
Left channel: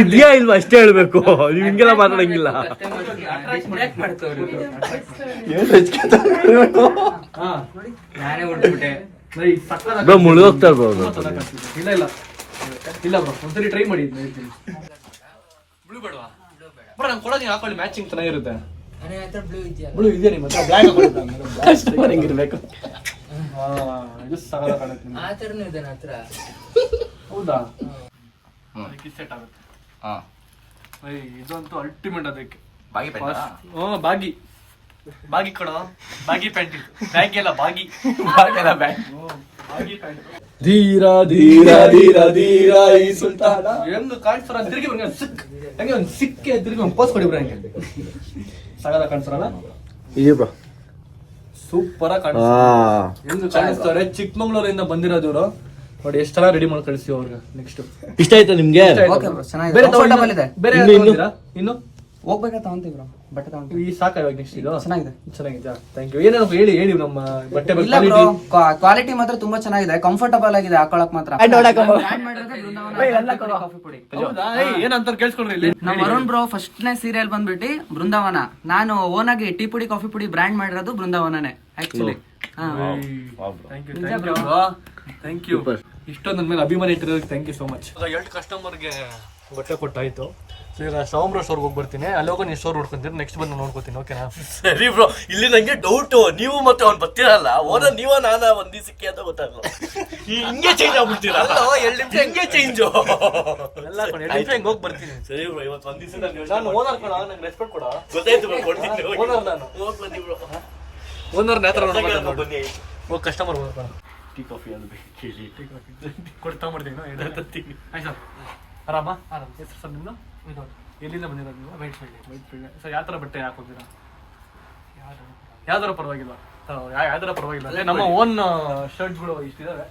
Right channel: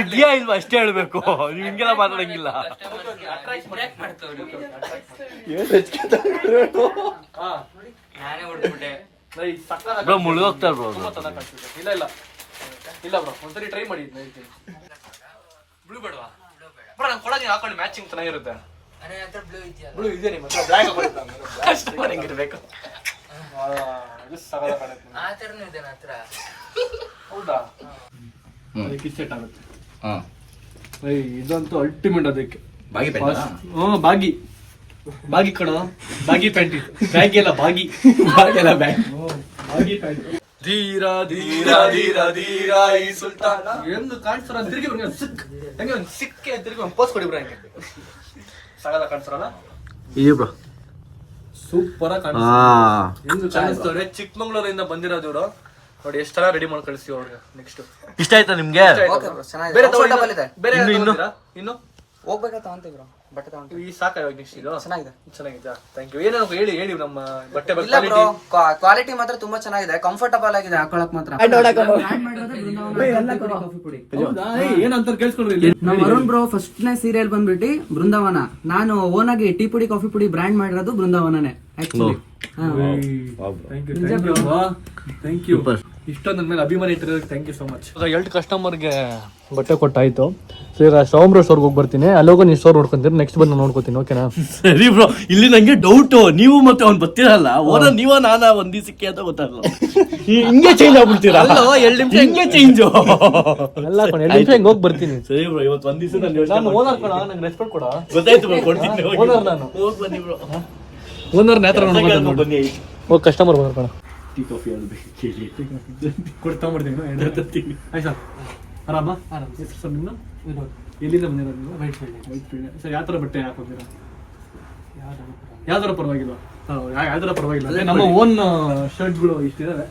ಇದ್ಯಾ ಇಲ್ವಾ ಅಷ್ಟೇ ಹೇಳ್ಬೇಕು, ನೀವ್ ಹಿಂಗೆಲ್ಲ ಮಾತಾಡಂಗಿಲ್ಲ. ನಾನೇ ಹೊಡ್ಬಿಟ್ಟೆ. Bro ಮುಳುಗೋಗ್ತಾ bro. ಇಲ್ಲ ಇಲ್ಲ ಇಲ್ಲ ಬ್ರೋ, ಒಂದ್ಸರಿ ಟ್ರೈ ಮಾಡಿ. ಬ್ಲೂ ಬೇಡವಾ ಬ್ರೋ? ನಾನು ಕೊಡೋದು ಹಾಕೊಳ್ಳಿ, ಮ್ಯಾಚಿಂಗ್ ಚೆನ್ನಾಗಿರುತ್ತೆ. ಬ್ಲೂ ಇದೆಯಾ ನಿಮ್ಮ ಹತ್ರ? ಬ್ಲ್ಯಾಕ್ ಹೆಂಗಿರ್ಬೇಕು? ಇದು ಸಾಲ ಕಾಣುತ್ತೆ. ಆ ತರನೂ ಇದೆ ನನ್ನ ಹತ್ರ. ಹೌದಾ? ಅದಕ್ಕೆ ಸೆಟ್ ಆಗುತ್ತೆ. ಹಾ ಇದಂತೂ ಅಲ್ಟಿಮೇಟ್. ಅದಕ್ಕೆ ಬಾಗಿ ಪ್ಯಾಂಟ್. ಬಾಗಿ ಕಣ, ಬಾಗಿ ಪ್ಯಾಂಟ್. ಇದು ಬ್ಯಾಗಿ ಎಲ್ಲ ಬಾಗಿ ಬಾಗಿ ಪ್ಯಾಂಟ್. ಧೀರ ಧೀರ ಧೀರ ಧೀರ ಈ ಸುಲ್ತಾನ ಹೆಂಗ್ ಕಾಣಿಸ್ತಾರ? ತಿರುಗಿ ಬರ ಸಿಕ್ ಹಂಗೆ ಒಂದು ಸಿಕ್ಕೆ ತಿರುಗಿ ಒಂದು ಪೋಸ್ ಕೊಡಿ ಬ್ರೋ. ಹಂಗೆ ಸಾಗದ ಕಾಣಿಸ್ತಾರಲ್ಲ, ಇದೆ ಬ್ರೋ, ಸೂಪರ್ ಆಗಿ ಕಾಣಿಸ್ತಾರೆ. ಹೆಂಗ್ ಕಾಣಿಸ್ತಾರೆ? ಚಿಕ್ಕಮಂಗ್ಳೂರಿಂದ ಬಂದಿರೋದು ಇವರು. ನೋಡಿ ಎಷ್ಟು ಚೆನ್ನಾಗಿ ರೆಡಿ ಮಾಡಿ ಕಳಿಸ್ತೀವಿ ಅವ್ರಿಗೆ. ನೆಕ್ಸ್ಟ್ ಇಷ್ಟ ಆಯ್ತಾ ನಿಮ್ಗೆ? ಓಕೆ ಬ್ರೋ, ಚೆನ್ನಾಗಿದೆ. ಬೇರೆ ಕಂಫರ್ಟಬಲ್ ಇದೆ. ಬೇರೆ ಇನ್ನು ಇನ್ನು ಹೋಗ್ಬೇಕಾ ತಗೊಂತೀವಿ ಬ್ರೋ, ಬಟ್ಟೆ ತಗೊಂತೀವಿ. ಈ ಸಾಕ ಇವಾಗ ನೆಕ್ಸ್ಟ್ ಇದು ಚೆನ್ನಾಗಿದೆ. ಚೆನ್ನಾಗಿದೆ. Thank you. ಏನಾದ್ರು ಹೇಳಿ ನಮ್ಮ ಬಟ್ಟೆ ಇಲ್ಲ ಬ್ರೋ, ಕ್ವಾಲಿಟಿ ಮಾತ್ರ ತುಂಬಾ ಚೆನ್ನಾಗಿದೆ, ಕಂಫರ್ಟಬಲ್ ಆಗಿದೆ ಹಾಕೊಳಕ್ ಮಾತ್ರ. ಬ್ರ್ಯಾಂಡ್ ಮಾಡಿರೋದೇ ಬೃಂದಾವನ ಕಾಫಿ ಪುಡಿ. ಏನಂತ ಕೇಳಿಸ್ಕೊಂಡ್ರಿ? ನಾವು ವರುಣ್ ಬ್ರೋ ಫಸ್ಟ್ನೇ ಸೀರಿಯಲ್ ಬಂದ್ಬಿಟ್ಟು ಬೃಂದಾವನ. ನಾನು ಓನ್ ಆಗಿ ಟೀ ಪುಡಿ ಕಾಫಿ ಪುಡಿ ಬ್ರ್ಯಾಂಡ್ ಮಾಡಿರೋದು ಬೃಂದಾವನನೇ. ಆಕ್ಚುಲಿ. Thank you. ಇಷ್ಟೊಂದು ನನ್ನ ಮೇಲೆ ಅಭಿಮಾನ ಇಟ್ಟಿರೋದಕ್ಕೆ ಥ್ಯಾಂಕ್ ಯು ಸೋ ಮಚ್. ಎರಡು ಕಸ್ಟಮರ್ಗೆ ಬಟ್ಟೆ ಕೊಟ್ಟಾಯ್ತು. ಸೊ ಈಗ ಸೋಮರ ಸ್ಟೋರ್ಗೆ ಹೋಗಿ ಬರ್ತೀನಿ. ಅಲ್ಲೋಗ ನೀವು ಸ್ಟೋರ್ ನೋಡ್ಕೊಂತೀರಿ, ನೆಕ್ಸ್ಟ್ ಬಂದು ನೋಡ್ಕೋತೀನಿ. ಓಕೆನಾ? ಸರಿ ಬ್ರೋ, ಇಲ್ಲಿ ನಂಗೆ ಡೌಟ್, ನೀವು ಮತ್ತೆ ಅವ್ನು ಬರ್ತೀರಲ್ಲ, ಓನರ್ ನೀವ ನಾನಾ ಒಂದ್ ದಿವಸಕ್ಕೆ ಅಂತ ಗೊತ್ತಾಗಲ್ಲ. ಹಿಂಗೆ ಚೇಂಜ್ ಆಗ್ಬಿಡ್ತೀರಾ? ಹಿಂಗೆ ಚೇಂಜ್ ಎಲ್ಲ ಕಣ 2 ನಿಮಿಷ ಹಿಂಗೆ ಹೋಗಿ ಬರ್ತೀನಿ. ಸರಿ ಬ್ರೋ, ಇವತ್ತು ಒಂದ್ ದಿವಸ ನಾನು ಓನರ್ ಕಣ, ನಂಗೆ ರೆಸ್ಪೆಕ್ಟ್ ಕೊಡ. ಗೊತ್ತಾಯ್ತು ಬ್ರೋ, ಕೊಡ್ತೀನಿ. ಓನರ್ ನಾನು, ಹೋಗಿ ಬನ್ನಿ ಬ್ರೋ. ಓನರ್ ನ್ಯಾತ್ರ ನೋಡ್ಬೋದು. ಬನ್ನಿ. ಹೋಗಿ ಕಸ್ಟಮರ್ ಬಂದ್ರ ಕಣ, ಟೀ ಕಾಫಿ ಅದು ಕೇಳಿ ಕೊಡ್ತಾಂಬಿಡ್ತೀನಿ. ಆಯ್ತಾ? ಆರಾಮ ಆರಾಮ. ಸರ್ ನಿಮ್ಮ ಇದು ಎಲ್ಲಿಂದ ಬಂದಿರೋದು ನೀವು? White field. ಸರ್ ಯಾವ ಥರ ಬಟ್ಟೆ ಹಾಕೋತೀರಾ? ಯಾವ್ದಾರ ಪರವಾಗಿಲ್ಲ. ಯಾವ್ದಾರ ಪರವಾಗಿಲ್ಲ. ಅದೇ ನಮ್ಮ ಓನ್ ಶರ್ಟ್ಗಳು ಇಷ್ಟಿದಾವೆ.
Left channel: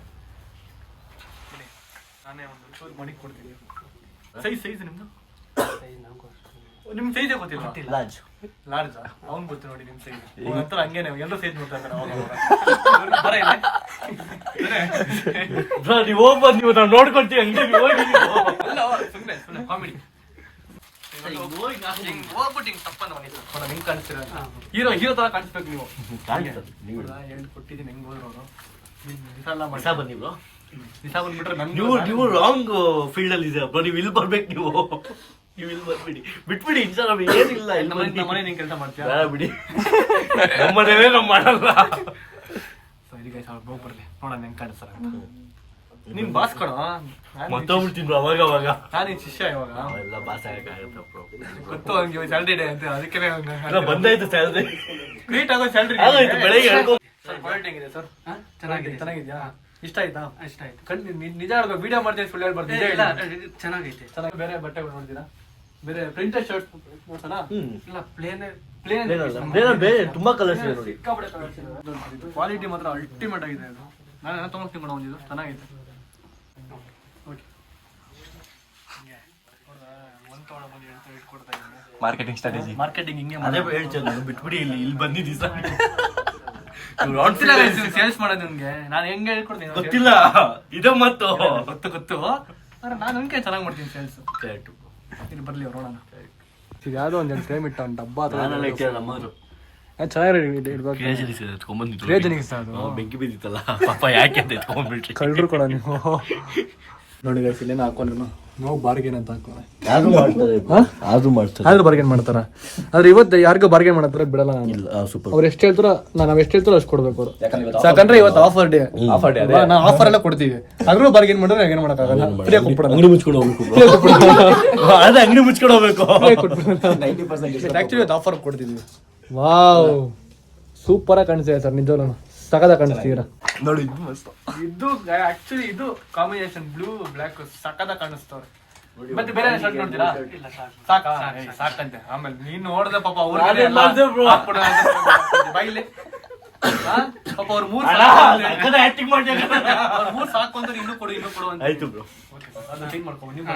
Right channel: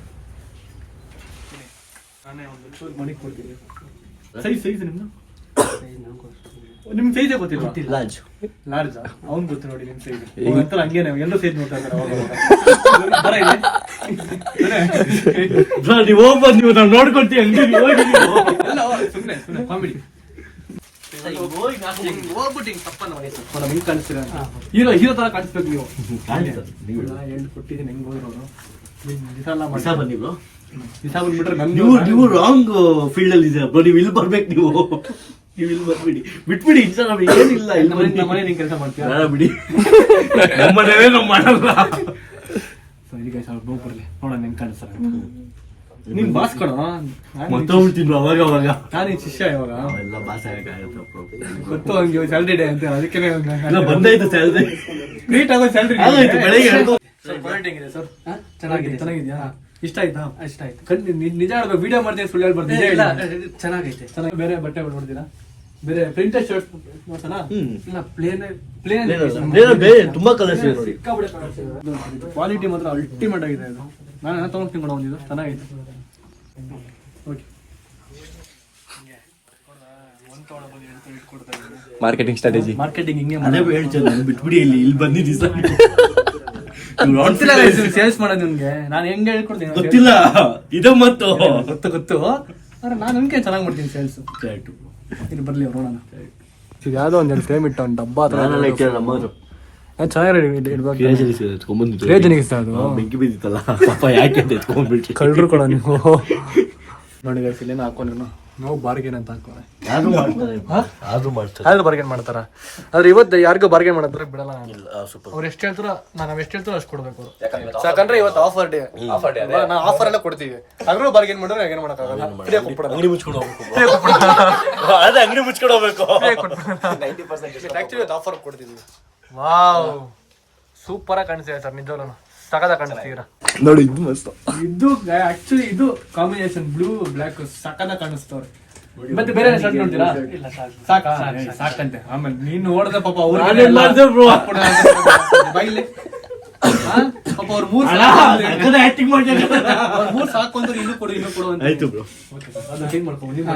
ನಾನೇ ಒಂದು ಚೂರು ಮಾಡಿ ಕೊಡ್ತೀನಿ. ಸೈಜ್ ನಿಮ್ದು? ನಿಮ್ ಸೈಜೇ ಗೊತ್ತಿಲ್ಲ? ಲಾರ್ಜ್ ಲಾರ್ಜ್ ಅವ್ನು ಗೊತ್ತು ನೋಡಿ ನಿಮ್ ಸೈಜ್. ಒಂಥರ ಹಂಗೆ ನಾವು ಎಲ್ಲರೂ ಸೈಜ್ ನೋಡ್ತಾ ಇದ್ದಾರೆ ಅವಾಗ ಬರ ಇದೆ. ನೀವು ಹೋಗ್ಬೋದು, ನೀವು ನಾವು ನೋಡ್ಕೊಳ್ತೀವಿ. ಸುಮ್ಮನೆ ಕಾಮಿಡಿ ಹೋಗ್ಬಿಟ್ಟು ಹಿಂಗ್ ತಪ್ಪ ನೋಡಿ ಹಿಂಗ್ ಕಾಣಿಸ್ತೀರ. ಹೀರೋ ತರ ಕಾಣಿಸ್ಬೇಕು ನೀವು. ಎಲ್ಲಿ ಕೊಟ್ಟಿದ್ದೀನಿ ಹೆಂಗ್ ಹೋದ್ರು ಅವರು. ದಿವಸ ಬನ್ನಿ ಬ್ರೋ. ದಿವಸ ಬಂದ್ಬಿಟ್ರೆ ನೀವು ರಾಂಗ್ ಫೀಲ್ಡ್ ಅಲ್ಲಿ ಇದೆ ಬ್ರೋ. ನೀವು ಇಲ್ಲಿ ಬರ್ಬೇಕು. ನೀವು ಇಲ್ಲಿ ಬರ್ಬಿಡಿ, ಬಿಟ್ಬಿಡಿ. ಇನ್ಸ್ಟಾಗ್ರಾಮ್ ಏನಿಲ್ಲ. ನಮ್ಮ ಮನೆ ನಿಂಗೆ ಕೆಲಸ ಮಾಡ್ತೀಯ? ಬೇಡ ಬಿಡಿ, ನಮ್ಮನೇ ನಾವು ಮಾಡಲ್ಲ. ಈಗ ಹೋಗಿ ಬರ್ಲಿ ನೋಡೋಣ ಹೆಂಗ್ ಕಾಣಿಸ್ತಾರ. ನೀನ್ ಬಾಸ್ ಕಣ, ಮತ್ತೋಗ್ಬಿಡ್ತೀನಿ ಅವಾಗ ಅವಾಗ. ನಾನು ಈ ಶಿಷ್ಯ ಇವಾಗ. ಎಲ್ಲ ಬಾಸ್ ಆಗಕ್ಕಾಗತ್ತೆ ಗೊತ್ತು ಅವ್ನಿಗೆ ಸ್ಯಾಲ್ರಿ ಡೇ ಅಂತ, ಅದಕ್ಕೆ ಬಂದಾಯ್ತು ಸ್ಯಾಲ್ರಿ. ನೀಟ್ ಆಗೋ ಸ್ಯಾಲ್ರಿ ಬೆಳಗ್ಗೆ ಸರ್. ಕ್ವಾಲಿಟಿ ಹೆಂಗಿದೆ ಸರ್? ಚೆನ್ನಾಗಿದೆ. ಚೆನ್ನಾಗಿದ್ಯಾ? ಇಷ್ಟ ಆಯ್ತಾ? ಇಷ್ಟ ಆಯ್ತು. ನಿಜ ಹೇಳ್ಬೇಕು, ವಿಡಿಯೋ ಮಾಡ್ತೀನಿ, ಸುಳ್ಳು ಹೇಳ್ಬಾರ್ದು. ಚೆನ್ನಾಗೈತೆ. ಚೆನ್ನಾಗಿ. ಬೇರೆ ಬಟ್ಟೆಗಳು ನೋಡ್ತೀರಾ? ಬೇರೆ ಪ್ರಿಂಟೆಡ್ ಶರ್ಟ್ ಮಾಡ್ತಾನಾ? ಇಲ್ಲ, ಪ್ಲೇನ್ ತುಂಬಾ ಕಲರ್ಸ್ ಇದೆ. ಕ್ವಾಲಿಟಿ ಮಾತ್ರ ಅಲ್ಟಿಮೇಟ್ ಆಗಿದೆ ಇದು. ನಾನು ತೊಗೊಂಡು ಕೊಡೋ ಒಂದಿದ್ದು ಚೆನ್ನಾಗಿದೆ. Okay, marketing strategy. ಮಾರ್ಕೆಟಿಂಗ್ ಹಿಂಗೆ ಅದೇ ಹೇಳ್ತೀನಿ, ಬಿಟ್ಬಿಡಿ. ಇಲ್ಲಿ ಬಂದಿದ್ದೀ ಸರ್. ಗೊತ್ತಿಲ್ಲ ಸೇಲ್ಸ್ ಮಾಡೋದು ನಿಮ್ಗೆ. ನಾನು ಹೆಂಗೆ ಹೇಳ್ಕೊಡ್ತೀನಿ ಗೊತ್ತಿಲ್ಲ. ಇದು ಮತ್ತು ಗೊತ್ತು ಆದ್ರೆ ನಾನು ನಿಮ್ಗೆ ಚೆನ್ನಾಗಿ ಮಾಡ್ತೀನಿ ಸೇಲ್ಸ್. ಇಲ್ಲಿ ಬರ್ಲಿ ಅವ್ರು ನೋಡೋಣ. ಇದು ಯಾವ್ದೋ ಒಂದು ಫ್ರೇಮ್ ಇಟ್ಟ ಒಂದು ಡಬ್ಬ ಬೆಂಕಿ ಬಿದ್ದಿತ್ತಲ್ಲ ಪಾಪ, ಯಾಕೆ ಅಂತ ಎತ್ಕೊಂಡ್ಬಿಟ್ಟು ಕಳ್ರು ಕೊಡ ನೀವು. ನೋಡಿ ಇಲ್ಲಿ ಹಾಕೊಂಡು ನಾವು ಬಾರ್ಗೇನ್ ಅಂತ ಹಾಕೋ. ಆದ್ರೂ ಮಾಡ್ತಾರೆ, ಯಾರು ಬಾರ್ಗೇನ್ ಮಾಡ್ತಾರ? ಆದ್ರೆ ಇವತ್ತು ಯಾರಿಗೂ ಬಾರ್ಗೇನ್ ಮಾಡತ್ತಾರ ಬಿಡಲ್ಲ ನಾನು. ಅವ್ರು ಎಷ್ಟು ಹೇಳ್ತಾರೋ ನಾವ್ ಎಷ್ಟು ಹೇಳ್ತಾರೋ ಅಷ್ಟು ಕೊಡ್ಬೇಕು ಅವರು. ಯಾಕಂದ್ರೆ ಇವತ್ತು ಆಫರ್ ಡೇ. ನಾವು ಆಫರ್ ಎಲ್ಲ ಕೊಡ್ತೀವಿ. ಆದ್ರೂ ಬಾರ್ಗೇನ್ ಮಾಡಿದ್ರೆ ಏನ್ ಮಾಡಕ್ಕಾಗಲ್ಲ. ಅಂಗಡಿ ಮುಚ್ಕೊಂಡು ಹೋಗ್ಬೇಕು. ಅದೇ ಅಂಗಡಿ ಮುಚ್ಕೊಂಡು ಹೋಗ್ಬೇಕು. ಆಕ್ಚುಲಿ ಇವತ್ತು ಆಫರ್ ಕೊಡ್ತಿದ್ವಿ. ವಾವ್, ಸೂಪರ್ ಆಗಿ ಕಾಣಿಸ್ತಿದೆ ಸರ್. ನಿಜವಲ್ಲ ಸಕದ ಕಾಣಿಸ್ತೀರ ನೋಡಿ. ಇದು ಮಸ್ತ್. ಇದು ಆಕ್ಚುಲಿ ಇದು ಕಾಂಬಿನೇಷನ್ ಬ್ಲೂ ಬ್ಲಾಕ್ ಸಕದ ಕಾಣಿಸ್ತವ್ರೆ. ಮತ್ತೆ ಬೇರೆ ಶರ್ಟ್ ನೋಡ್ತೀರಾ? ಸಾಕಾ? ಸಾಕಂತೆ. ಆಮೇಲೆ ನೀನು ನೋಡ್ದ ಪಾಪ ಅವ್ರು ಬೈಲಿ ಪಾಪ ಅವ್ರು 3 ಆಕ್ಟಿಂಗ್ ಮಾಡ್ತಾರೆ. 3 ಸಾಕು ಅಂದ್ರೆ ಇನ್ನೂ ಕೊಡು ಅಂತ. ಆಯ್ತು ಬ್ರೋ. ಅದನ್ನ ಥಿಂಕ್ ಮಾಡ್ಕೊಂಡು ನೀವು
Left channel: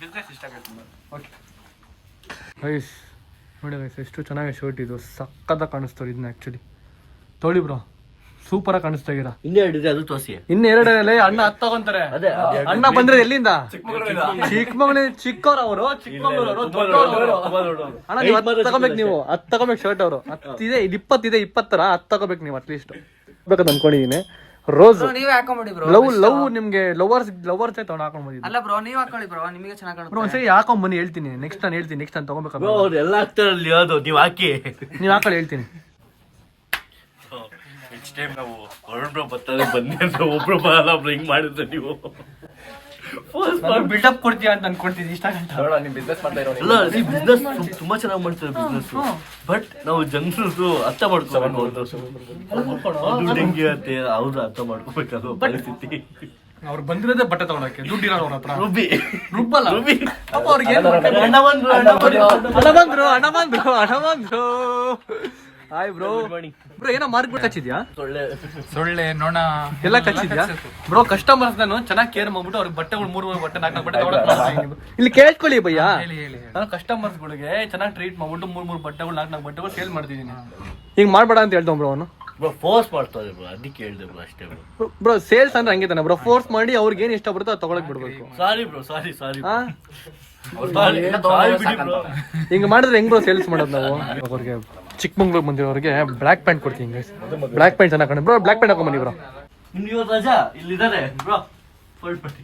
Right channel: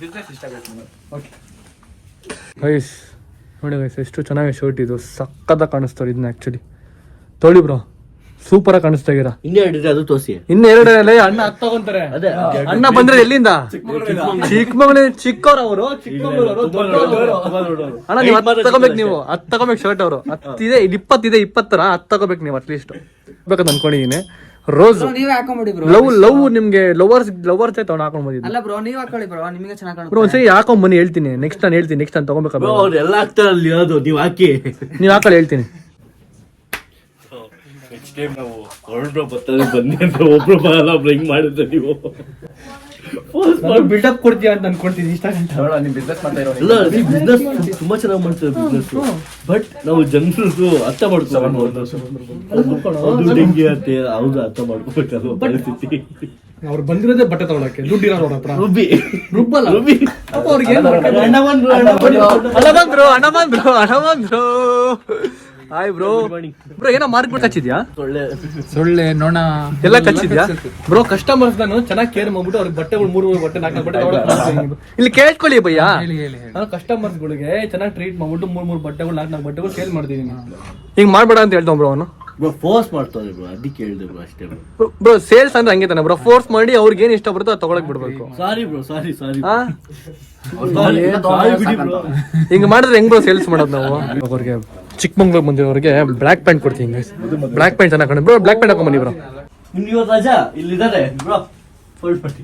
ಬಿಸ್ನೆಸ್ ಇಷ್ಟ ಆಗುತ್ತೆ. ಓಕೆ ಗೈಸ್ ನೋಡಿ ಗೈಸ್, ಎಷ್ಟು ಚೆನ್ನಾಗಿ ಶರ್ಟ್ ಇದು. ಸಕ್ಕತ್ತ ಕಾಣಿಸ್ತಾರೆ ಇದನ್ನ. ಆಕ್ಚುಲಿ ತೊಳಿ ಬ್ರೋ, ಸೂಪರ್ ಆಗಿ ಕಾಣಿಸ್ತಾ ಇದೀರಾ. ಇನ್ನೇ ಅದು ತೋರಿಸಿ. ಇನ್ನೆರಡು ಅಣ್ಣ ಹತ್ತು ತಗೊಂತಾರೆ. ಅಣ್ಣ ಬಂದ್ರೆ ಎಲ್ಲಿಂದ? ಚಿಕ್ಕಮಗಳೂರು. ಚಿಕ್ಕವ್ರು ಅವರು, ಚಿಕ್ಕಮಗಳೂರು ಅಣ್ಣ. ನೀವು 10 ತಗೋಬೇಕು. ನೀವು 10 ತಗೋಬೇಕು ಶರ್ಟ್. ಅವರು 10 ಇದೆ, 20 ಇದೆ, 20 10 ತಗೋಬೇಕು ನೀವು ಅಟ್ಲೀಸ್ಟ್. ಬೇಕಂತ ಅನ್ಕೊಂಡಿದೀನಿ. ರೋಸ್ ನೀವೇ ಹಾಕೊಂಡ್ಬಿಡಿ ಬ್ರೋ. ಲವ್ ನಿಮ್ಗೆ ಲವರ್ಸ್ ತಗೊಂಡು ಹಾಕೊಂಡ್ ಬಂದಿದ್ದು. ಅಲ್ಲ ಬ್ರೋ, ನೀವ್ ಹಾಕೊಳ್ಳಿ ಬ್ರೋ, ನಿಮಗೆ ಚೆನ್ನಾಗಿ ಕಾಣುತ್ತೆ. ಬ್ರೋ ಒಂದ್ಸರಿ ಹಾಕೊಂಡ್ ಬನ್ನಿ, ಹೇಳ್ತೀನಿ. ನೆಕ್ಸ್ಟ್ ನಾನು ಹೇಳ್ತೀನಿ. ನೆಕ್ಸ್ಟ್ ನಾನು ತಗೋಬೇಕಾಗ ಅವ್ರು ಎಲ್ಲ ಹಾಕ್ತಾರಲ್ಲಿ. ಅದು ನೀವು ಹಾಕಿ, ನೀವು ಹಾಕೊಳ್ಳಿ, ಹೇಳ್ತೀನಿ. ನೆಕ್ಸ್ಟ್ ಟೈಮ್ ನಾವು ಹೊರಡ್ರು ಬರ್ತದೆ ಬನ್ನಿ ಅಂತ ಒಬ್ರು ಬರಲ್ಲ, ಒಬ್ರು ಹಿಂಗ್ ಮಾಡಿದ್ರೆ ನೀವು ಬಿಲ್ಡಪ್ ಕೊಡ್ತೀಯ ಅಂತ ಅನ್ಕೊಂತೀನಿ. ಇಷ್ಟ ಬಿಸ್ನೆಸ್ ಮಾಡ್ತಾ ಇರೋ ಅಲ್ಲ, ಬಿಸ್ನೆಸ್ ತುಂಬಾ ಚೆನ್ನಾಗಿ ಮಾಡ್ತೇವೆ ಬಿಸ್ನೆಸ್. ಬಟ್ ನಾವು ಜನರು ಅರ್ಥ ಮಾಡ್ಕೋಬೇಕು. ಡೆಂಗಿ ಅಂತೆ, ಹೌದು, ಅರ್ಥ ಮಾಡ್ಕೋಬೇಕಲ್ಲ ಪರಿಸ್ಥಿತಿ. ಅವ್ರು ಬಂದಿರೋದೇ ಬಟ್ಟೆ ತಗೊಳಕ್ಕೆ, ದುಡ್ಡು ಇರೋರು ಅವ್ರ ಹತ್ರ. ರುಬ್ಬಲ್ಲ ಪಾಪ ಅವ್ರಿಗೆ. ಏನ್ ಅಣ್ಣ ಬಂದ್ರು. Hi bro. ಬ್ರೋ ಏನೋ ಮಾರ್ಕ್ಬಿಟ್ಟು ಕಚ್ಚಿದ್ಯಾ? ಸೊಳ್ಳೆ, ನೊಣ ಎಲ್ಲ ಕಚ್ಚಿದ್ಯಾ ಬ್ರೋ? ಕಸ್ಟಮರ್ಸ್ ನಾನು ಚೆನ್ನಾಗಿ ಕೇರ್ ಮಾಡ್ಬಿಟ್ಟು ಅವ್ರಿಗೆ ಬಟ್ಟೆಗಳು 3 ಬಟ್ಟೆ 4 ಬಟ್ಟೆ ತಗೊಳಕ್ ಇಲ್ಲಿ ಕೇಳ್ಕೊಳ್ಳಿ ಭಯ್ಯ. ನಾನು ಕಸ್ಟಮರ್ಸ್ ಗಳಿಗೆ ಚೆನ್ನಾಗಿ ಟ್ರೀಟ್ ಮಾಡ್ಬಿಟ್ಟು 3 ಬಟ್ಟೆಗಳು 4 ಬಟ್ಟೆಗಳು ಸೇಲ್ ಮಾಡ್ತಿದ್ದೀನಿ. ಹಿಂಗ್ ಮಾಡ್ಬೇಡ ಅಂತ ಹೇಳ್ತಾವ ಬ್ರೋ ಅವನು. ಬ್ರೋ ಫೋರ್ಸ್ ಮಾಡ್ತಾರೆ ಬ್ರೋ, ಅದಕ್ಕೆ ಹೇಳಿದೆ ಬ್ರೋ ಅಷ್ಟೇ ಬ್ರೋ. ಬ್ರೋ ಸೇಲ್ಸ್ ಅಂದ್ರೆ ಹಂಗೆ ತಾನೆ ಬ್ರೋ, ಫೋರ್ಸ್ ಮಾಡಿ ಅವ್ರಿಗೆ ಏನ್ ಇಷ್ಟ ಬರುತ್ತೋ ಅದು ತಗೊಳಕ್ ಬಿಡ್ಬೇಕು. ಸಾರಿ ಬ್ರೋ, ಸಾರಿ ಹಾ ಹಿಂಗ್ ಮಾಡಿದ್ರೆ ಹೆಂಗ್ ಬ್ರೋ ಸೇಲ್ಸ್ ಮಾಡೋದು ನಾವು? ಅವ್ರಿಗೆ ಚಿಕ್ಕಮಂಗ್ಳೂರ್ ಬಂದಿರೋರಿಗೆ ಬ್ಲಾಕ್ ಪ್ಯಾಂಟ್ ಕೊಡ್ತೀನಿ. ಬ್ಲಾಕ್ ಪ್ಯಾಂಟ್ ಚೆನ್ನಾಗಿ ಬ್ರೋ, ಬ್ಲಾಕ್ ಪ್ಯಾಂಟ್ ಹಾಕೊಂಡ್ ಬನ್ನಿ ಬ್ರೋ. ನಿಮ್ಗೆ ಇವತ್ತು ರಜಾ ಇಲ್ಲಿದ್ದಾರೆ ಬ್ರೋ, ಫೋಲ್ಡ್ ಮಾಡಿ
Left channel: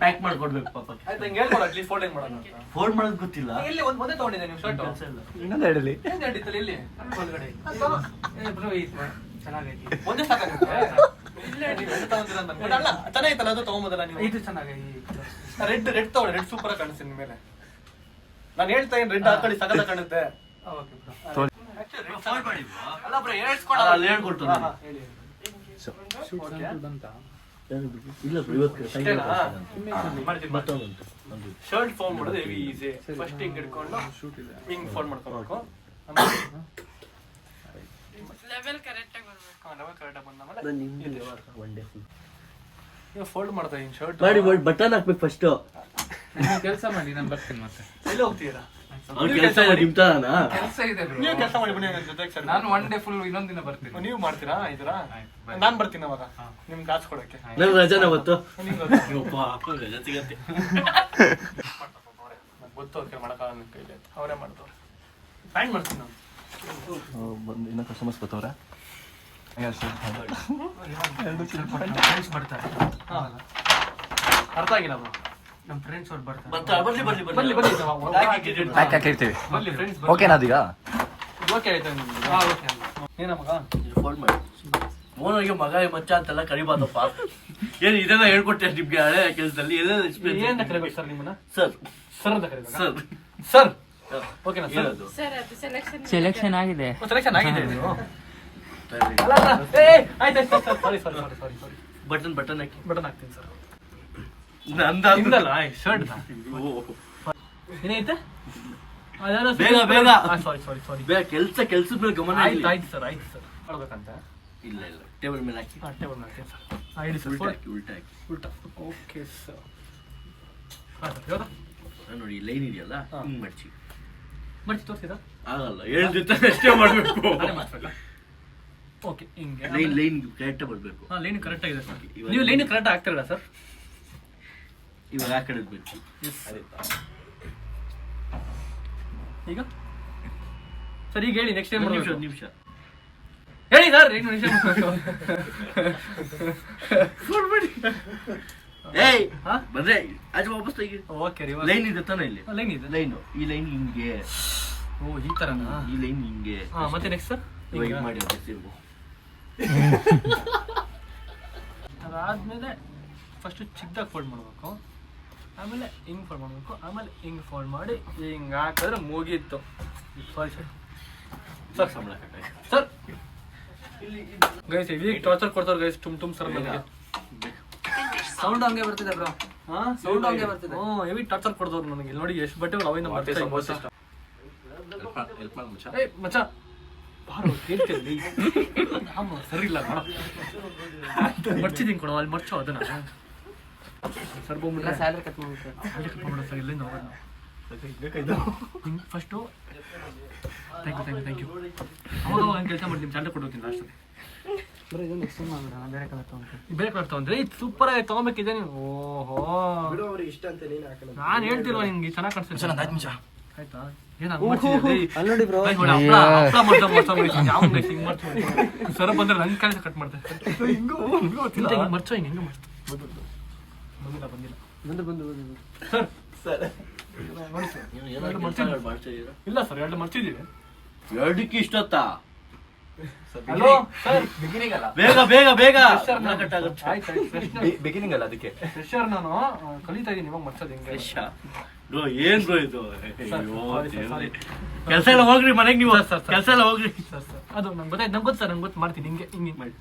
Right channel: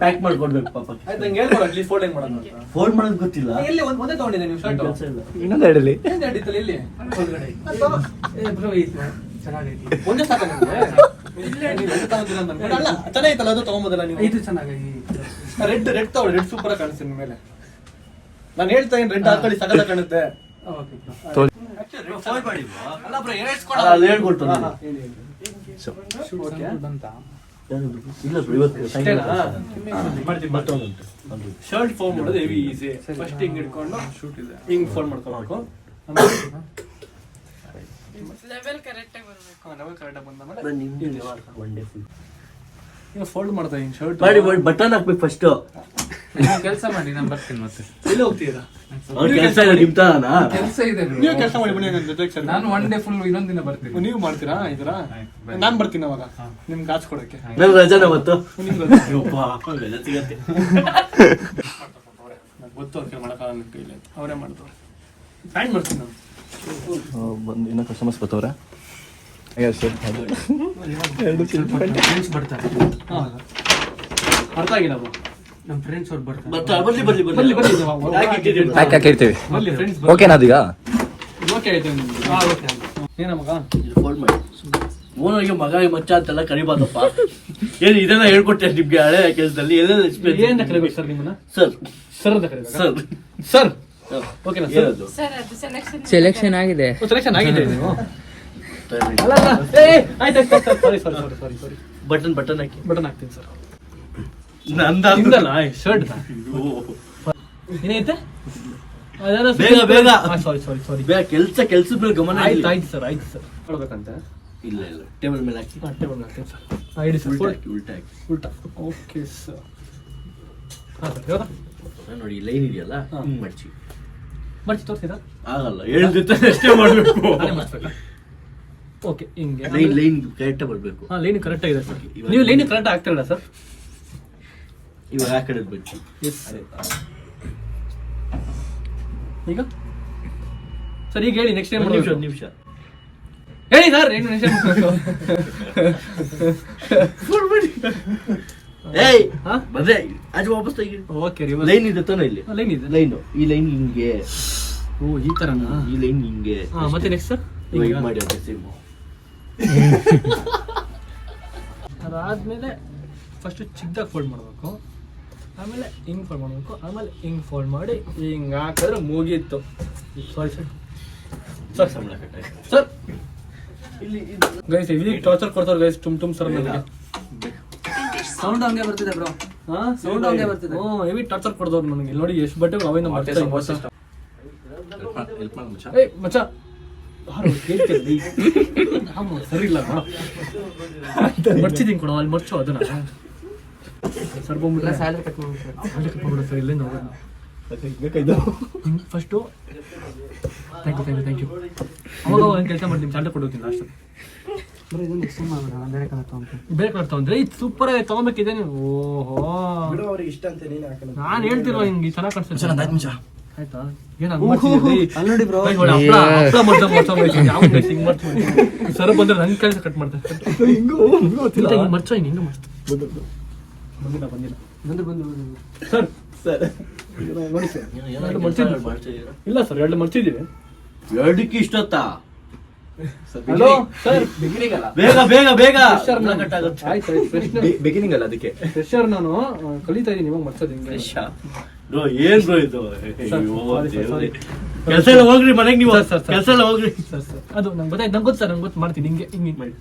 ಪ್ಯಾಕ್ ಮಾಡ್ಕೊಡ್ಬೇಕು ಪಾಪ. ಫೋಲ್ಡ್ ಮಾಡೋದು ಗೊತ್ತಿಲ್ಲ. ಇನ್ನೊಂದು ಹೇಳಲಿ. ಚೆನ್ನಾಗಿತ್ತಲ್ಲ ಅದು ತಗೊಂಬೋದಲ್ಲ ನೀವು? ಇದು ಚೆನ್ನಾಗಿ ರೆಡ್ ತಗೊಳ್ಳಿ, ರೆಡ್ ಸೂಪರ್ ಆಗಿ ಕಾಣಿಸ್ತೀನಿ ಮೇಲೆ. ನಾನು ಹೇಳ್ತಾ ಇದ್ದೀನಿ ರೆಡ್ ಹಾಕೊಳ್ಳಿ, ಸಗದ ಕಾಣುತ್ತೆ. ಅಲ್ಲಿ ಹೇಳ್ಕೊಡ್ತಾನೆ. ಇಲ್ಲ ಬ್ರೋ, ಇವತ್ತು ಶರ್ಟ್ ಫಾರ್ಮ್ ಮಾಡೋದು ಹೆವಿ ಈಸಿ. ಫಸ್ಟ್ ಹಿಂಗ್ ಹಿಡ್ಕೊಂಡು ಹಿಂಗ್ ಫಾರ್ಮ್ ಮಾಡ್ಕೊಬೇಕು. ಲೆವೆಲ್ ಕರೆಕ್ಟ್ ಆಗಿ ಫೋಲ್ಡ್ ಮಾಡ್ತಾ ಇದೀನಿ ಶರ್ಟ್ ಮಾಡಿ ಬಟನ್ ಹಾಕ್ಬೇಕು ಫಸ್ಟ್. ಕೆಲಸ ಮಾಡಿ, ನಾನು ಬರ್ತೀನಿ ಮತ್ತೆ. ಎಲ್ಲಿ ಹೋಗ್ತೀರಾ? ಅವ್ರ ಕೆಲಸ ಇದೆ ನಿಮ್ತಾನ. ಕೆಲಸ ಇದೆ bro. ನೀವು ಕೆಲಸ ಮಾಡಿ ಬನ್ನಿ, ನನ್ನ ಜೊತೆಗೆ ಸರ್. ನಾನು ಒನ್ ಡೇ ಫುಲ್ ಇನ್ನೊಂದ್ ದಿನ ಬರ್ತೀನಿ. ನೀವು ಮಾಡ್ತೀರಾ ಇದರ? ನಾನ್ ಬರ್ತೀನಿ ಅವಾಗ ನಿಮ್ಗೆ ಕಾಸು ಕೊಡಕ್ಕೆ. ನನ್ ರಜಾನ ಮತ್ತು ನಂಗೆ ಗೊತ್ತು ಅವ್ರಿಗೆ ಮಾಡಕ್ಕಾಗಲ್ಲ ಅಂತ ಇಲ್ಲ, ಅವರೇ ಮಾಡ್ತಾರೆ. ಪ್ಯಾಂಟ್ ಮಾಡ್ತೀನಿ ನಾನು. ಬಂದು ಇನ್ನೂ ಕಸ್ಟಮರ್ಸ್ ಬರ್ತಾವ್ರೆ. ಫ್ರೆಂಡ್ಸ್ ಬರ್ತಾರೆ. ಅರ್ಥ ಆಗಿಲ್ಲ ಬ್ರೋ. ನಮ್ಮ ಫ್ರೆಂಡ್ಸ್ ಅವ್ರು ಬರ್ತಾರೆ. ಬರ್ಲಿ ಬರ್ಲಿ ಬರ್ಲಿ ಬರ್ಲಿ ಪ್ಯಾಕ್ ಹಾಕಿರ್ತೀವಿ. ಬರ್ಲಿ ಫ್ರೆಂಡ್ಸ್. ಓಕೆನಾ ಅದೀಗ? ಓಕೆ ಆಯ್ತು ನಿಮ್ಗೆ. ಓಕೆ ಏನ ಮಗ? ಫೋಲ್ಡ್ ಮಾಡಿ. ಓನರ್ಗೆ ಮಗ ಮಚ್ಚ ಅಂತೆಲ್ಲ ಕರಿಬಾರ್ದಪ್ಪ. ಏನು ಇದನ್ನ ಹೇಳ್ಕೊಟ್ಟೆ ನಿಮ್ಗೆ ಹಳೆ ಕೆಲಸದಲ್ಲಿ ಏನೇನು ಏನ್ ಎಕ್ಸ್ಪೀರಿಯನ್ಸ್? ಕರಿಬೇಕು ಸರ್ ನಿಮ್ಮನ್ನ? ಸರ್ ಸರ್ ಅಂತ ಕರೀಬೇಕು. ಸರ್ ಸರ್ ಓಕೆನಾ ಸರ್? ಏನದು? ಸೆಲೆಕ್ಷನ್ ಆಗಿದೆ. ಸೆಲೆಕ್ಷನ್ ಆಗಿದೆ ನೀವು? ಅಲ್ಲ ಅಲ್ಲ, ಆಯ್ತು ಸಾರಿ ಬಟನ್ ಹಾಕಿ ಬಟನ್ ಹಾಕ್ತೀನಿ ಸರ್. ನಂದಲ್ಲ ಶರ್ಟ್ ಏನೈತೆ? ಬೇಗ ಬೇಗ ಸಾರಿ ಬೇಗ ಕೆಲ್ಸದ ಮೇಲೆ ಗಮನ ಆಯ್ತು ಇರ್ಲಿ. ಆಯ್ತು ಸರ್, ಆಯ್ತು ಸರ್. ಕೊಡ್ಬೇಕಂತ? ಇಲ್ಲ ಟೇಬಲ್ ಮೇಲೆ ಹಾಕಿ ಟೇಬಲ್ ಹಾಕ್ತೀನಿ ಸರ್. ಇಡಿ ಸರ್. ಉಲ್ಟಾ ಹಾಕಿ. ಉಲ್ಟಾ. Okay sir. ಹಾಂ ಸರ್, ಯಾವ್ದಾ ನೋಡಿ ಲೈನ್ ಇದೆಯಲ್ಲ, ಹಿಂಗ್ ಮಡ್ಚಿ. ಮರ್ಚಿ ತೋರಿಸಿದ? ಆಗಲ್ಲ, ಹೇಳ್ದಿತ್ತ ಅಷ್ಟೇ ಮಾಡ್ಬೇಕು. ಓಕೆ ಹಿಂಗೆ ಲೈನ್ ಕರೆಕ್ಟ್ ಬರ್ಬೇಕು. ಹಾಂ, ಲೈನ್ ಕರೆಕ್ಟ್ ಆಗಿದೆ ಸರ್. ನೀವು ಲೈನ್ ಕರೆಕ್ಟ್ ಆಗ್ತಿರಲ್ಲ ಸರ್? ಇವಾಗ ಆ ಕಡೆ ಬಚ್ಚಿ. ಎಸ್ ಈಗ ಸರ್, ಈಗ ಹೇಳಿ ನೆಕ್ಸ್ಟ್ ಟೈಮ್ ನಿಮಿಷ ಹೇಳಿ ಸರ್. ಏನು ನೆಕ್ಸ್ಟ್ ಏಯ್ ಹಾ? ಬಂದ್ರೆ ಆಚೆ ವಾಪಸ್ ತೆಗಿ. ಓಕೆ ರೀ. ಲೈನ್ ಇದೆ ತಾನ ಇಲ್ಲಿ? ಲೈನ್ ಇದೆ. ಲೈನ್ ಈ ಲೈನ್ ಹಿಂಗೆ, ಓ ಈ ಥರನಾ? ಈ ಲೈನ್ ಹಿಂಗೆ. ಹಾಂ, ಮತ್ತೆ ನೆಕ್ಸ್ಟ್ ಸರ್ ಇವಾಗ ಇದು ಮಾಡಿ ಅದೇ ಸೇಮ್. ಅದಾದಮೇಲೆ ಫಸ್ಟು ಚಿಕ್ಕದಾಗಿ ಫೋಲ್ಡ್ ಮಾಡಬೇಕು, ಆಮೇಲೆ ಹಿಂಗೆ ಫೋಲ್ಡ್ ಮಾಡಬೇಕು, ಆಮೇಲೆ ಹಿಂಗೆ ಫೋಲ್ಡ್ ಮಾಡಿ ಹಿಂಗೆ ಹಾಕಿದ್ರೆ ಮುಗೀತು. Sorry sir. ಸರ್ ಸಂಬಳ ಕಟ್ಟಾಗಿ. ಸರ್ ಇಲ್ಲಿ ಗೈಸ್ ಇದಕ್ಕೆ ಟಾರ್ಚರ್ ಕೊಡ್ತಾರೆ ಗೈಸ್. ತುಂಬ ಸರ್ ನನಗೆ ಸೌಂಡ್ ಹಂಗೆ ಬರ್ತಿದೆ ಬ್ರೋ. ಹಾಂ, ಸೌಂಡ್ ಹಂಗೆ ಬರ್ತಿದೆ. ಹ್ಞೂ, ಹೆವಿ ಟಾರ್ಚರ್ ಕೊಡ್ದವ್ರು ನನಗೆ. ನೋಡಿ ಎಷ್ಟು ಬಟ್ಟೆ ಅವೇನು ಮಾಡ್ತಾರೆ. ಏ ಮಚ್ಚ ಬಾರೋ ಕೇಳ್ತೀರಿ ಸರಿ ಇಲ್ಲ ಮರ್ಚಿದ್ದೀನಿ ಕೊಡೋ, ಅಲ್ಲಿ ಮರ್ಚೋ ಅದನ್ನ ಸರ್. ಬಂದ್ಬಿಟ್ರೆ ಸ್ಯಾಲರಿ ಕಟ್ ಮಾಡ್ಬಿಟ್ಟು ಅಲ್ಲಿ ಕಟ್ಕೊಂಡ್ಬಿಡ ಸರ್. ಇಲ್ಲಿಂದ ಹೋಗೋದು ಫಸ್ಟು. Thank you. ಅವಾಗ ಒಂದು ಕೆಲಸ ಮಾಡ್ತೀನಿ, ಸ್ಯಾಲರಿ ಕೊಡ್ತೀನಿ ಲಾಸ್ಟಲ್ಲಿ. ಬೇರೆ ಕಲರ್ ತಗೊಂಡ್ರೆ ಇದು ಸೂಪರ್ ಆಗಿ ತಗೊಬೇಕಿದೆ ನೀವು. ಓಹೋ, ನಾನು ಹೇಳ್ತಿರೋ ಹಿಂಗೆ ಚೆನ್ನಾಗಿ ಕಾಣಿಸ್ತೀನಿ. ಆಯ್ತಾ? ಏನಾಗ ಸರ್ ಬಂದ್ರೆ ನಂಗೆ ಕೆಲಸ ಕಟ್ ಮಾಡ್ತಾರೆ. ಮರ್ಚೋ ಹಿಂಗೆ ಮರ್ತು ಬಂದಿಲ್ಲ ಸರ್. ನೋಡಿ ಸರ್, ಎರಡು ಮರ್ಚಿದ್ವಿ. ಇಲ್ಲ ಸರ್, ಎರಡು ಮರ್ಚಿದ್ದೀವಿ. ಎರಡಕ್ಕೆ ಇಷ್ಟೊತ್ತಾ? ಹಲೋ ಸರ್, ಬೇಗ ಬೇಗ ಬೇಗ. ಬಿಗಿನಿಂಗ್ ಅಲ್ಲ ಅದಕ್ಕೆ. ಫ್ರೆಶರ್ ನಾನು ಕಲಿತಾ ಇದ್ದೀನಿ, ಇವಾಗ ಮರ್ಚೋದು ಹಿಂಗೆ. ಬ್ರೋ ಏನ್ ಬ್ರೋ ಇದು? ಕೆಲಸ ಎಲ್ಲ ಹೋಗ್ರಿ ಮನೆಗೆ ನೀವು. ಸರ್. ಕೆಲಸ ಎಲ್ಲ ಹೋಗ್ರಿ ಸರ್. ಅದು ನಂಗೆ ಗೊತ್ತಾಯ್ತು, ನಂಗೆ ಗೊತ್ತು ಸರ್, ನಂಗೆ ಗೊತ್ತು. ಮಾಡ್ತೀನಿ ಹಿಂಗೆ ಹಿಂಗೆ ಮಾಡಿ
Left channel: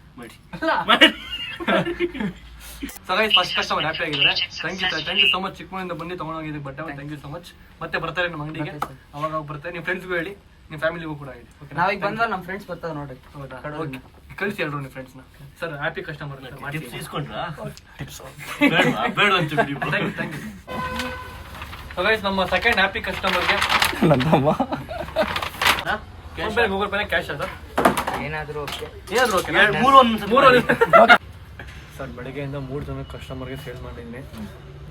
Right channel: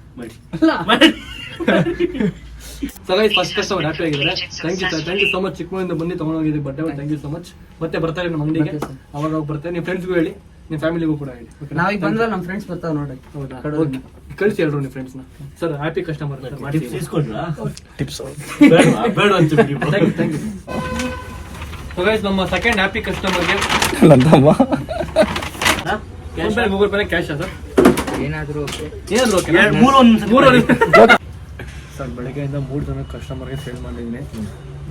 ಸರ್. ಫಸ್ಟ್ ಕಸ್ಟಮರ್ ಹ್ಯಾಪಿ ಆಗಿದ್ದಾರೆ. Thank you so much. ಚಿಕ್ಕಮಗಳಿಂದ ಬಂದು ತೊಗೊಂಡೋಗಿದ್ದೆ ಬಟ್ಟೆ. Thank you so much. ಮತ್ತೆ ಬರ್ತಾರೆ ನಮ್ಮ ಅಂಗಡಿಗೆ, ಅವಾಗ ಬರ್ತಾರೆ. ನಿಮ್ಮ ಫ್ರೆಂಡ್ಸ್ಗೂ ಹೇಳಿ, ನಿಮ್ಮ ಫ್ಯಾಮಿಲಿಗೂ ಕೂಡ ಹೇಳಿ. ನಾವೀಗ ಬಂದ್ರೆ ನಮ್ಮ ಫ್ರೆಂಡ್ಸ್ ಬರ್ತಾರೆ ನೋಡಿ. ಹೌದಾ? ಓಕೆ, ಕಳಿಸಿ ಹೇಳ್ರು ನಿಮ್ಮ ಫ್ರೆಂಡ್ಸ್ನ. Sir happy customer. ಟಿಪ್ಸ್ ಇಸ್ಕೊಂಡ್ರಾ? ಟಿಪ್ಸ್ ಬೇಡ ಅಂತೀವಿ. Thank you. ಸೊ ಗೈಸ್, ನಮ್ಮ ಸೆಕೆಂಡ್ ಹ್ಯಾಪಿ ಕಸ್ಟಮರ್ಗೆ ನಂದಮ್ಮ ಗೂಗಲ್ ಪೇನ ಕ್ಯಾಶ್ ಸರ್. ಏನಾದ್ರು ಏನಾದ್ರು ಓಕೆ ಮೂರು ಸರ್ ಬೆಳಗ್ಗೆಯಿಂದ 3 ಜನ ಕಸ್ಟಮರ್ಗೆ ಸೇಲ್ ಮಾಡಿದ್ದೀನಿ.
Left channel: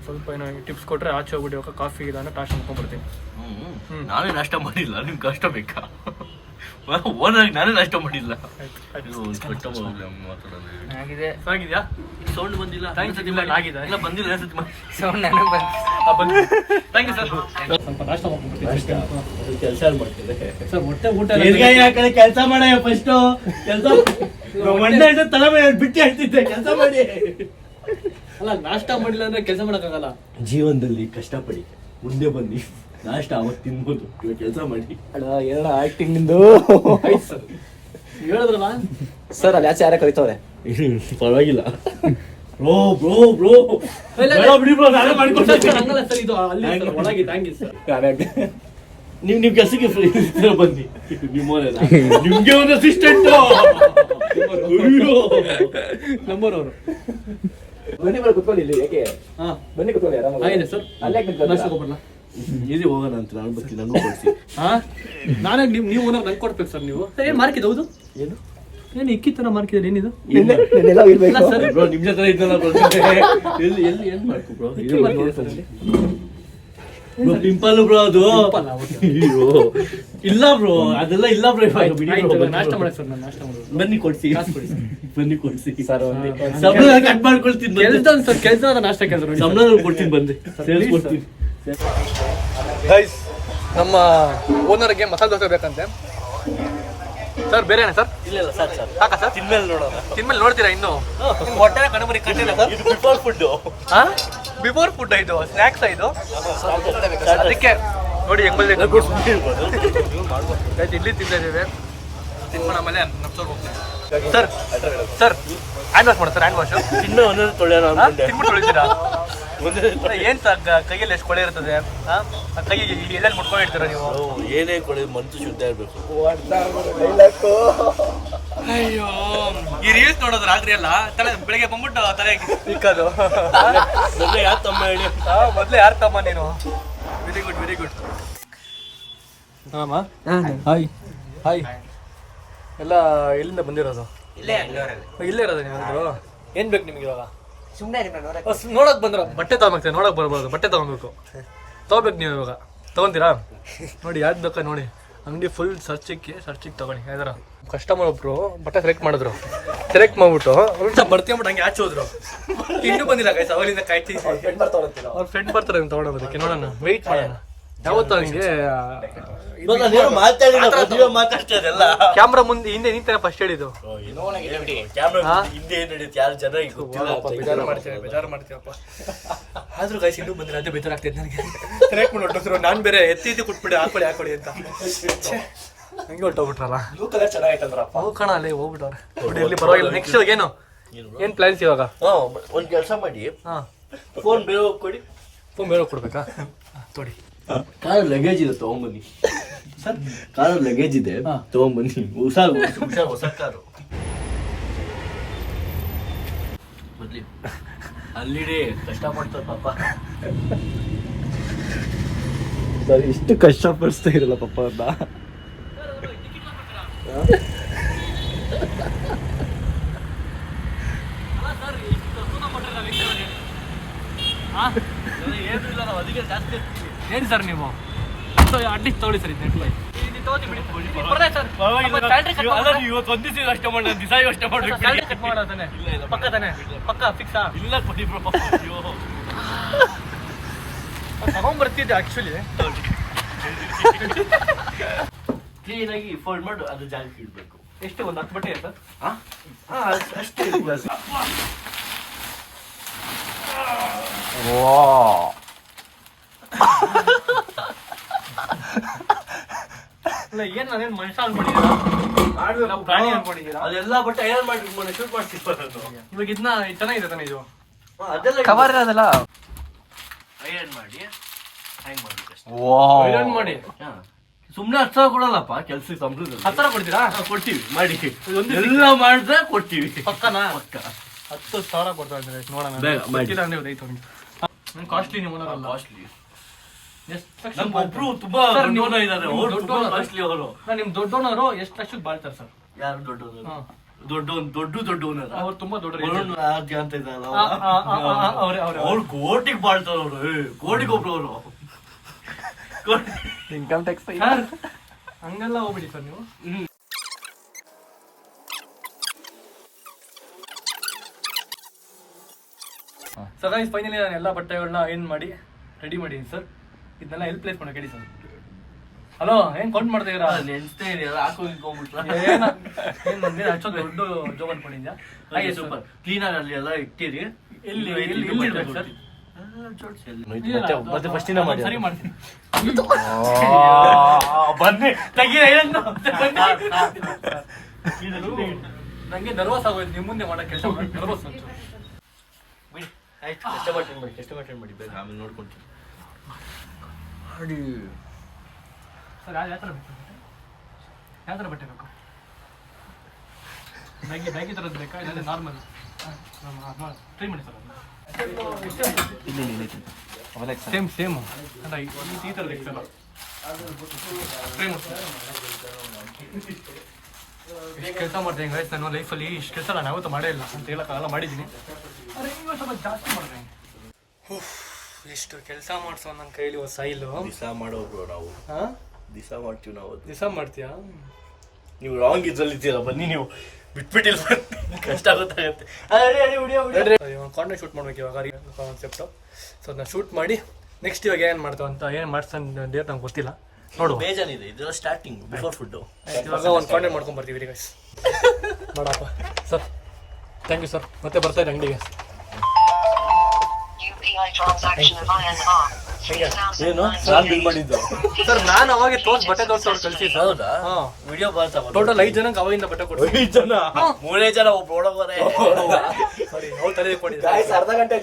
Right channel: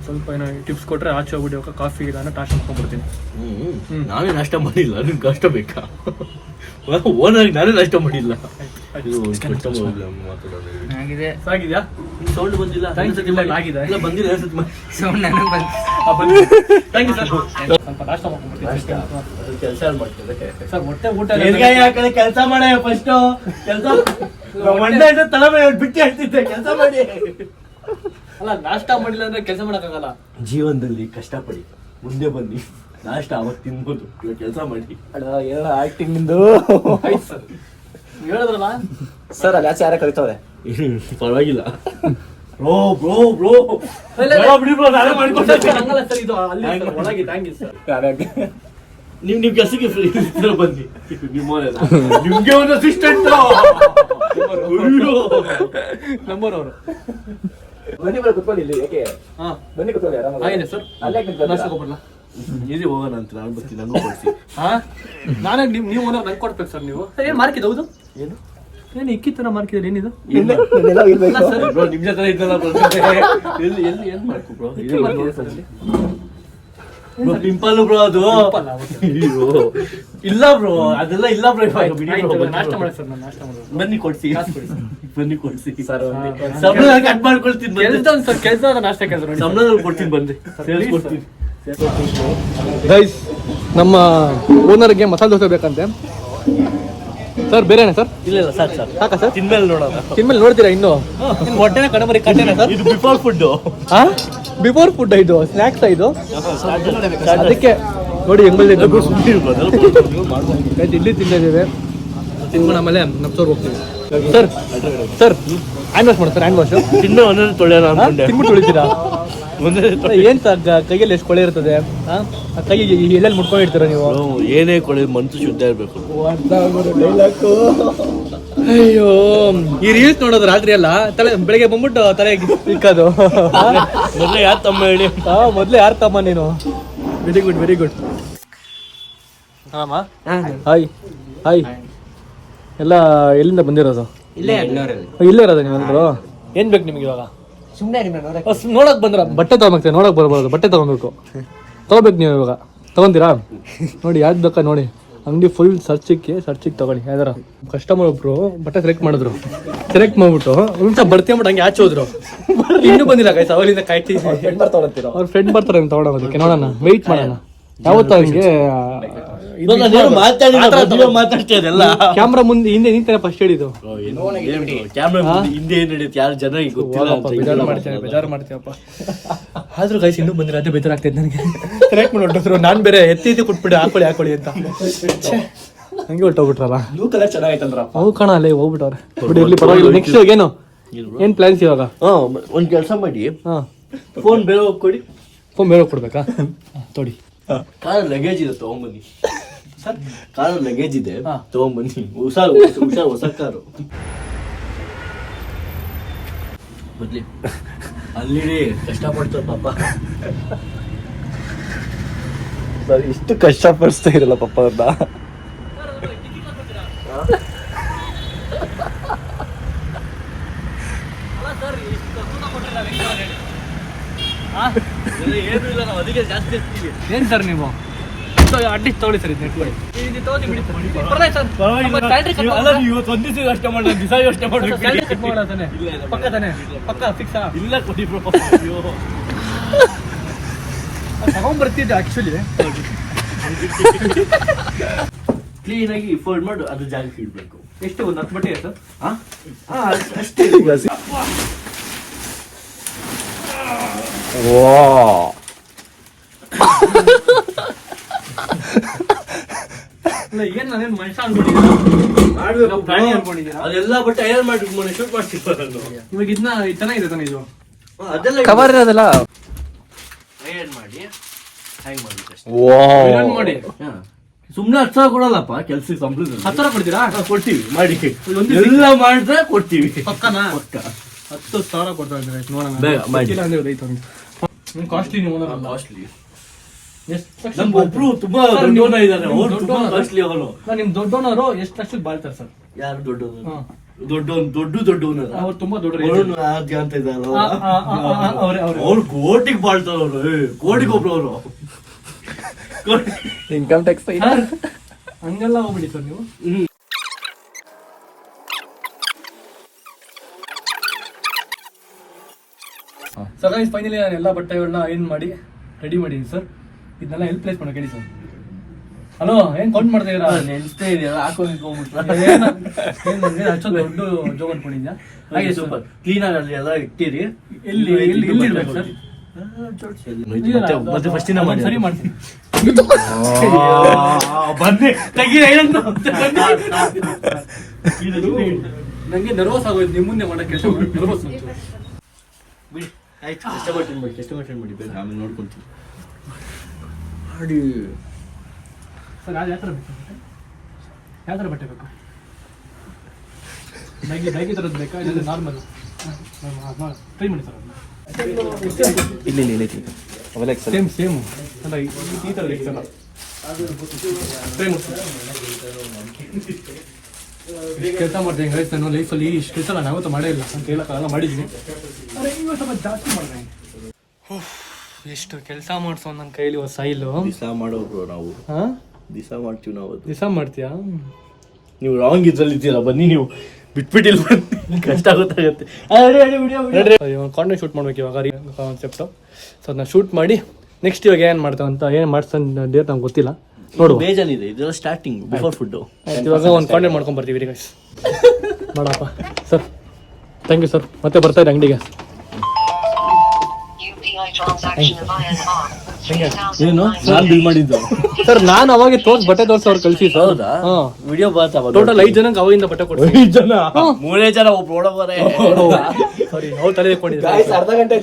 ಸ್ವಲ್ಪ ಏನೋ ಟಿಪ್ಸ್ ಕೊಟ್ಟರೆ ಆಚೆ ಹೋಗ್ಬಿಟ್ಟು ಹೋಗೋ ಕಾಫಿ ಇದಾನ ನಾಷ್ಟ ಮಾಡ್ಕೊಂಡ್ಬಿಡ್ತೀನಿ. ನಾವೇ ನಾಷ್ಟ ಮಾಡಿಲ್ಲ, ನಿಮ್ಗೆ ಕಷ್ಟ ಬೇಕಾ? ಓನಾಗಿ ನಾನೇ ನಾಷ್ಟ ಮಾಡಿಲ್ಲ. ಆಗಿದೆ. ಆಗಿದೆಯಾ? ಸೌಂಡ್ ಬಂದಿಲ್ಲ ಆಗಿದೆ. ಇಲ್ಲ ಬಂದಿಲ್ಲ ಸೌಂಡ್ ನನಗೆ ಬಂತು. Thank you sir. ಸ್ವಲ್ಪ ನಾಷ್ಟ ಮಾಡ್ಕೊಂಡ್ಬಿಡ್ತೀನಿ. ಕೆಲಸ ಮಾಡ್ತೇವೆ ಸರ್ ಹೊಟ್ಟೆ ಊಟ ಕೆಲಸ ಮಾಡೇ ಫಸ್ಟ್ ಕೆಲಸ ತಲೆ ಮೇಲೆ ಬಿಟ್ಟು ಹೇಳ್ತಿದ್ದೆ ಕೆಲಸ ಮಾಡಿ. ಅಲ್ಲ ನಾಷ್ಟ ಮಾಡಿಲ್ಲ ಅಂದ್ರೆ ಕೆಲಸ ಮಾಡೋಕ್ಕಾಗಲ್ಲ. ಜೀವನದಲ್ಲಿ ಕಷ್ಟಪಡಿ, ಮುಂದೆ ಬನ್ನಿ, ನಾಷ್ಟ ಅವಾಗ ತಿನ್ಬೋದು, ಕೆಲಸ ಮಾಡಿ. ಏನೋ ಆಕ್ಟಿಂಗ್ ನಿಂದು ಹೇಳಿದ್ರಲ್ಲ ಸರ್, ಅಲ್ಲಿ ಆಚೆ ಯಾರ ಕರಿತವ್ರೆ. ಪರವಾಗಿಲ್ಲ ಬ್ರೋ ಬ್ರೋ ಬ್ರೋ ಬಿಡಿ ಬ್ರೋ, ನಾನೇ ಮಾಡ್ಕೊಡ್ತೀನಿ. ಹಂಗಲ್ಲ ಸರ್, ಇದು ಅಲ್ಲಿ ಸರ್, ಒಳಗೆ ಥ್ಯಾಂಕ್ ಯು ಸರ್. ನಿಮ್ ಕೆಲಸಕ್ಕೆ ಫ್ರೀ ಬನ್ನಿ. ನಿಮ್ಗೆ ಒಂದು ಅಸಿಸ್ಟೆಂಟ್ ನಂಬರ್ ಅವರು. ಬನ್ನಿ ಬರ ಕುತ್ಕೊಳ್ಳಿ ಇಲ್ಲಿ. ಯಾಕೆ ಹಾ ಬನ್ನಿ ಕುತ್ಕೊಳ್ಳಿ ಆರಾಮಾಗಿ. ಹಾಗೇನೆ ಸರ್. ಅಲ್ಲೇ ನಾಷ್ಟ ಹೋಗ್ಬರ್ಲ? ಈಸಿ ಹೋಗೋಣ ಅಂತ ನಾನು ಬರ್ತೀನಿ, ನನಗೂ ಕೊಡ್ಸಿ. ಹಾ ನಾನೇ ನೀವು ಓನರ್ ನಂಗೆ ಕೊಡ್ಬೇಕು ಸರ್. ನೀವು ಏನ್ ಮಾರ್ಕಿದ್ ಹೌದು? ಏನು ಇಕ್ಕಿ ತರ ಮಾರ್ಕಿದ್ರೆ ಏನಿದು? ಬ್ರೋ ನಿಮ್ ಜೊತೆ ಇದ್ದಲ್ಲ ಎಲ್ಲಿ ಎಲ್ಲಿ ಏನ್ ಮಾಡ್ಕೊ ಬ್ರೋ? ಪಿಂಪಲ್ ಬ್ರೋ ಅದು. ಅಯ್ಯೋ ಇಲ್ಲ ಬ್ರೋ, ಅದೆಲ್ಲ ಇಲ್ಲ ಬ್ರೋ. ನಾಷ್ಟ ಮಾಡಿ ಸರ್, ನಾನು ನಾಷ್ಟ ಮಾಡೋದು. ಬನ್ನಿ ಕೊಡ್ಸಿ, ಬನ್ನಿ ಕೊಡ್ಸಿ. ಸರ್ ಸಂಬಳ ಕಟ್ ಮಾಡ್ಕೊಳ್ತೀನಿ, ಕೆಲಸ ನಾಷ್ಟ ಕೆಲಸ ಸಂಬಳ ಕೊಡ್ತೀನಿ, ಬಂದೆ ಸೇರಿಸ್ಕೊಡ್ತೀನಿ. ಗೈಸ್, ನಮ್ಮ ಓನರ್ಗೆ ಮಸಾಲೆ ದೋಸೆ ಬೇಕಂತೆ ಸರ್. ಬೇರೆನೆ ಸರ್? ಇಲ್ಲ ಸಾಕು ಸರ್, ಸಾಕಾ ಸರ್? ತಿನ್ಮೇಲೆ ನೋಡೋಣ. ತಿನ್ಮೇಲೆ ನೋಡ್ತೀರಾ ಇನ್ನು? ಹೊಟ್ಟೆನ ಕಡಬರಿ ಕಟ್ಟೆನ ಸರ್? ಇದು ಬಿಫೋರ್ ಫುಡ್. ಹಾ ಬಿಫೋರ್ ಫುಡ್, ಇದು ಸ್ನ್ಯಾಕ್ಸ್ ಇದು. ಅದಕ್ಕೆ ನೋಡಿ ಹೆಂಗ್ ಬಂದಿದ್ದು. ಇಡ್ಲಿ ತಿಂತಾ ಇದ್ದೇವೆ, ತಿನ್ಕೊಂಡು ಆಮೇಲೆ ನಮ್ಸೋರ್ ಹೋಗ್ತೀವಿ. ಸರ್ ಸರ್ ಹ್ಯಾಂಡ್ ವಾಶ್ ಮಾಡಿ ಸರ್. ಹ್ಯಾಂಡ್ ವಾಶ್ ತಿನ್ಮೇಲೆ ಒಂದೊಂದು ತೊಳೆಯೋಣ ಅನ್ಕೊಂಡೆ. ತಿನ್ಬಿಟ್ಟು ತೊಳಿತೀರಾ? ಏನ್ ಸರ್ ಕೈಯಲ್ಲಿ ಎಷ್ಟು ಕೊಳೆ ಇರ್ತದೆ? ಕೈ ಎಲ್ಲೆಲ್ಲಿ ಮುಟ್ಕೊಂಡಿರ್ತೀರ ನೀವು? ಏನೇ ಕೊಡಿ, ಮನ್ಸು ಶುದ್ಧ ಇರ್ಬೇಕು. ಅಯ್ಯೋ, ಈ ರೀಲ್ಸ್ ನೋಡೋದು ರಾತ್ರಿ ಎಲ್ಲ ತಲೆ ಬೆಳಿಗ್ಗೆ ಬಂದ್ಬಿಟ್ಟು ತಲೆ ಇಕ್ಕೋದು. ಮೊದಲೇ ಯಾರು ತಮ್ಮ ಹೇಳಿ? ಮೊದ್ಲೇ ಯಾರು ತಮ್ಮ ನೀನು? Very good very good. Hi hi. ಎಲ್ಲ ಎಲ್ಲಿಂದ ಬಂದಿರೋದು? ಇಲ್ಲೇ ಅಡ್ನೂರಲ್ಲಿ. ಇಲ್ಲೇ ಇರೋದು ನೀವೆಲ್ಲರೂ? ಏನ್ ಬೇಕು ನಿಮ್ಗೆ ಇವಾಗ? ಸುಮ್ಮನೆ ನೋಡಕ್ ಬಂದ್ರ? ಬಟ್ಟೆ ತಗೊಂಬೇಕು, ನೋಡಕ್ ಬರ್ಬಾರ್ದು, ಬಟ್ಟೆ ತಗೊಬೇಕು. ತಗೋಬೇಕು ನೀವು ಇವಾಗ. ತಗೊಂತೀರಾ? ನೋಡಿ ಯಾವ್ದು ಬೇಕಾ ನೋಡಿ, ಅಂಗಡಿ ಫುಲ್ ಸರ್ಚಿಗೆ ತಗೊಳ್ಳಿ. ಯಾವ್ದಾರ ಕಸ್ಟಮರ್ ಒಬ್ರು ಬಟ್ಟೆ ಸೆಲೆಕ್ಟ್ ಮಾಡಿದ್ರು, ಸೆಲೆಕ್ಟ್ ಮಾಡ್ಬಿಟ್ಟು ಒಂದ್ಸಲ ಬರ್ತೀವಿ ಹಂಗೆ ಆಚೆ ಹೋದ್ರು. ಇನ್ನೂ ಬಂದಿಲ್ಲ ಗೈಸ್, ಅವಲಿಂದ ಕಾಯ್ತೀವಿ. ಅವ್ರ ಫ್ರೆಂಡ್ ಬರ್ತಾರೆ ಅಂತ ತಗೊಳೋದಕ್ಕೆ. ನೋಡೋಣ, ವೆಯ್ಟ್ ಮಾಡೋಣ. ಯಾವತ್ತ ಹಂಗೆ ಮಾತಾಡ್ತಿರಲ್ಲ. ಕ್ಯಾಮ್ರಾ ಮುಂದೆ ಹಿಂದೆ ನಿಂತಾನೆ ಫಸ್ಟ್ ಹೇಳಿದ್ದು. ಕ್ಯಾಮ್ರಾ ಹಿಂದೆ ಏನ್ ನಡೆಯುತ್ತೆ ಯಾರು ಜನ ಗೊತ್ತಿಲ್ಲ ಅಂತ ಬೇಜಾರು ಮಾಡ್ತೀವಪ್ಪ. ಆದ್ರೂ ಗೈಸ್ ಇನ್ನೂ ಬಂದಿಲ್ಲ, ಅದೇ ಬೇಜಾರಾಗ್ತೈತೆ ನನಗೆ. ಸೆಲೆಕ್ಟ್ ಮಾಡಿ ಹೊಟ್ಟೋದ್ರು, ನಾನ್ ಬೇರೆ ಎತ್ತಿ ಕೊಟ್ಬಿಟ್ಟೆ ಹಾಕೊಳ್ಳಿ ಅಂತ. ಹಂಗೆ ಹೊಟ್ಟೋಗ್ಬಿಟ್ರಲ್ಲ. ಚೆನ್ನಾಗೈತಂದ್ರ. ಹೌದು ಕಣ, ಅಲ್ಲೇ ಹೋಗ್ಬಿಟ್ಟವ್ರೆ. ಬಿಡಿ ಇರ್ಲಿ, ಪರವಾಗಿಲ್ಲ. ನೆಕ್ಸ್ಟ್ ಇವಾಗ ಏನ್ ಪ್ಲಾನ್ಸ್ ಇವಾಗ? ಒಂದ್ ಕೆಲಸ ಮಾಡಿ, ಹಾ ಫೋನ್ ಬೇರೆ ಕೊಡಿ. ಫೋನ್ ಬೇರೆ ಕೊಡ್ಬೇಕಾ? ತೊಡಿ. ಕಾರ್ ಲಗೇಜ್ ಇದೆ, ತಗೊಂಬನ್ನಿ. ಕಾರ್ ಲಗೇಜ್ ಇದೆ, ತಗೊಂಬನ್ನಿ. ಹೊಸ ಕಾರು ಬದ್ಲಿ. ಅಲ್ಲಿ ಕಷ್ಟಪಡ್ತಾರೆ ಪಾಪ. ಸರ್ ಇಷ್ಟು ಕಷ್ಟಪಡಿಸ್ತಾ ಇರಲ್ಲ ಪಾಪ ಅವ್ರನ್ನ. ಏನ್ ಸರ್ ನೀವು ಅಡ್ಡಿಸ್ ತಗೊಳ್ಳಿ ಸರ್. ಇವತ್ತು ಒಂದ್ ದಿವಸ ಯೋಚನೆ ಮಾಡಿ, ದಿವಸ ಯೋಚನೆ ಮಾಡಿ ಪಕ್ಕ ತಾನೆ? ಪಕ್ಕ ಫಿಕ್ಸಾ? ಇಲ್ಲ ಕೊಡಿ ಬ್ರೋ. ತಗೊಂಡ್ಬರ್ತಿದ್ದೆ ಆಕ್ಚುಲಿ. ಕ್ಲೀನ್ ಆಗಿ ಫೋಲ್ಡ್ ಮಾಡಿ ಅದು ಜಾಗಕ್ಕೆ ಇಡ್ಬೇಕು. ಎಷ್ಟು ಒಂದು 10 ಬಟ್ಟೆ ಸರ್? ಅಷ್ಟೇ. ಏನ್ ನಾನೇನ್ ಮನುಷ್ಯ ಅನ್ಕೊಂಡಿದ್ದೀರಾ? ಪ್ರಾಣಿ ಅನ್ಕೊಂಡಿದ್ದೀರಾ? ಅದೆಲ್ಲ ಬಟ್ಟೆ ಐರನ್ ಮಾಡಿ ಶೂಟ್ ಮಾಡ್ತೀವಿ. ಇವಾಗ ಇದನ್ನ ಚೆನ್ನಾಗಿದೆ ತಾನೆ ಇದು? ಅದೆಲ್ಲ ಕವರ್ ಇರೋದಲ್ಲ. ಐರನ್ ಮಾಡಿ ಹ್ಯಾಂಗ್ ಮಾಡ್ಬೇಕು ಅಷ್ಟೇ. ಐರನ್ ಮಾಡಿ ಸುಮ್ನೆ 10 ಸಾವಿರ ಕೊಡಲ್ಲಪ್ಪ ಕೆಲ್ಸಕ್ಕೆ. ಸಂಬಳದಲ್ಲಿ 10 ಸಾವಿರ ಕೊಡ್ತೀರಾ? ಕೊಡ್ತೀವಿ, ಮಾಡಿ ಎಲ್ಲ ಮಾಡಿದ್ರೆ ಕೊಡ್ತೀವಿ. ಪಕ್ಕನಾ? ಪಕ್ಕ 10 ಸಾವಿರ ಕೊಡ್ತಾ ಇದ್ದಾರೆ. ನೋಡೋಣ, ಬೇಗ ಮಾಡಿ. ಕಾಸ್ಟ್ಲಿ ನೀವು ಓನರ್ ಅಲ್ಲ. ಕಾಸ್ಟ್ಲಿ. ಎಷ್ಟು ನಮ್ಗೊಬ್ರು ತುಂಬಾ ದೊಡ್ಡವನ ಇದ್ದಾರೆ, ಅವ್ರು ತುಂಬಾ ಕಾಸ್ಟ್ಲಿ ಅವರು. ನಿಮ್ ದೊಡ್ಡವನವರು ಎಷ್ಟು ಲಕ್ಷಕ್ಕೆ ಬಾಳ್ತಾರೆ ಸರ್? ಯಾರು ದೊಡ್ಡವನಲ್ಲ ಅವ್ರು ತುಂಬಾ ದೊಡ್ಡ ವರುಣ್ ಆದ್ಯ ಅಂತ ಇದ್ದಾರಲ್ಲ ಅವ್ರು ಕೋಟಿಗೆ ಬಾಳ್ತಾರ ಅವ್ರು ಕೋಟಿಗೆ ಒಬ್ರು ಅವರು ಇನ್ಕಮ್ ಟ್ಯಾಕ್ಸ್ ಹಂಗೆಲ್ಲ ಹೋಗ್ಬಿಡಿ ಸರ್ ನೀವು. ಸರ್ ಗೈಸ್ ಫೈನಲಿ ನಾನು ಎಲ್ಲ ಬಟ್ಟೆಗಳನ್ನ ಏನ್ ಮಾಡಿ ರೆಡಿ ಮಾಡಿದ್ದೀನಿ ಸರ್. ಇದನ್ನೆಲ್ಲ ಎಲ್ಲಿ ಪ್ಲೇಸ್ ಮಾಡಕ್ಕೆ ಹೇಳಿ ಸರ್. ಹಲೋ ಏನ್ ಕೌಂಟ್ ಮಾಡ್ತಾ ಇದ್ದೀರಾ? ನೆನ್ಸ್ತಾ ಇದೆಯಲ್ಲ ಹಾಕೋಗಿಟ್ಕೊಂಡ್ಬಿಟ್ರ ಅಷ್ಟೊಂದು ದೊಡ್ಡ ಜೋಗ್ ಅನ್ಕೊಂಡಿದ್ಯಾ? ಹಾಗೆ ಸೂಪರ್ ಕ್ಲೀನ್ ಆಗಿ ಅಲ್ಲಿ ಎಲ್ಲ ಇಟ್ಟಿರಿ. ಎಲ್ಲಿ ಇಡ್ಬೇಕು ಸರ್? ಮತ್ತೆ ಫಸ್ಟ್ ದಿನ ಮಾಡಿ ಸರಿ ಮಾಡ್ತೀನಿ. ಬನ್ನಿ ತೆಗಿ ಏನು ನಂಗೆ ನರ್ವಸ್ ಆಗೋಯ್ತು ನಿಮ್ಮ ಮುಂದೆ ಮಾಡೋ ಕೆಲಸ ನರ್ವಸ್ ಬಿಡಿ ಆಯ್ತು ಕಷ್ಟಪಟ್ಟು ಮಾಡಿ ಬೇಡ ಆಮೇಲೆ ನೋಡ್ಕೊಂತೀನಿ. ಸರ್ ಯಾವ ಥರ ಬೇಕು? ಯಾವ ಥರ ಬಟ್ಟೆ ಬೇಕು? ನೈಗಿ ಥರದ್ದು ಬೇಕಾ ಇಲ್ಲ ನಾರ್ಮಲ್? ಟ್ರೈ ಮಾಡಿ ಸರ್ ಅದನ್ನ ಸೇಮ್ ಅಲ್ಲ ಈ ಥರ ಇರ್ತಲ್ಲ ಟ್ರೈ ಮಾಡಿ. ಇಷ್ಟು ಕೆಲಸ ಮಾಡ್ತೀನಿ ಗೈಸ್ ನಾನು ಲೈಫಲ್ಲಿ. ಇಷ್ಟು ಕೆಲಸ ನಾನು ಯಾವತ್ತೂ ಮಾಡೇ ಇಲ್ಲ ಅಂತ ಹೇಳೋಕ್ಕಾಗಲ್ಲ, ಮಾಡಿದ್ದೀನಿ. ಆದರೆ ಈಗ ಸ್ವಲ್ಪ ಜಾಸ್ತಿ ಮಾಡಿದೆ. ಎಷ್ಟು ಕೆಲಸ ಮಾಡಿಸೋ ನನ್ನ ಕೈಲಿ ಹೊಸ ಇಲ್ಲು ದಿವಸ ಮಾಡೋರು ನಾವು. ಹಾಂ ದಿವಸ ಮಾಡ್ತೀವಿ ನಾವು. ದಿವಸ ಮಾಡ್ತೀಯಾ? ನೀವು ರಾಂಗ್ ಇದ್ರಲ್ಲಿ ಇದ್ದೀರಾ, ಬನ್ನಿ ನೀವು ಬಿಟ್ಬಿಟ್ಟಿಲ್ಲ ಬನ್ನಿ, ಕಷ್ಟ ಗೊತ್ತಾಗುತ್ತೆ. ಕಾಂಟೆಂಟ್ ಶೂಟ್ ಮಾಡ್ಬೇಕು ಇವಾಗ ಕಾನ್ಸೆಪ್ಟು. ಸೊ ಅದನ್ನ ಶೂಟ್ ಮಾಡಿ ನೆಕ್ಸ್ಟ್ ಇವಾಗ ಏನು ಮಾಡ್ತಾವ ಅಂತ ಏನು ಮಾಡ್ಸಂತ ಡೇಟ್ ನಮ್ಗೆ ಗೊತ್ತಿಲ್ಲ, ನೋಡುವ. ಬೇಜಾನಿದೆ ಇದೆಲ್ಲ ಸ್ಟಾರ್ಟಿಂಗ್ ಬಿಫೋರ್ ಫುಡ್. ಇವಾಗ ಒಂದು ಕಾಂಟೆಂಟ್ ಮಾಡ್ಕೊಂಡು ಬರ್ತೀವಿ ಗೈಸ್. ಮಾಡಪ್ಪ ಸರ್, ಥ್ಯಾಂಕ್ ಯು ಸರ್. ಮತ್ತೆ ಬರ್ತಾ ಇದೆ ಅಂಗಡಿಗೆ. ಏನು ನಾನು ಬಿಲ್ ಮಾಡಿದ್ದು ಸರ್ ನಾನು ಅವಾಗ ಬಟ್ಟೆ ತೋರಿಸಿ ಅವ್ರು ಕಳಿಸಿ ಸರ್. ಹೌದಾ? ವಿಡಿಯೋ ಬಂತ ಟೋಟಲ್ 5 ಜನಕ್ಕೆ ಅವಾಗಿಂದ ಬಟ್ಟೆ ಕೊಡ್ತೀವಿ. 5 ಜನ 3 ಜನ ಒಬ್ರು ಒಳಗೋರೆ. ಸಾರಿ ಅವ್ರು ತಲೆ ಕೊಟ್ಟಿದ್ದಾರೆ. ಅರ್ಧ ಗಂಟೆ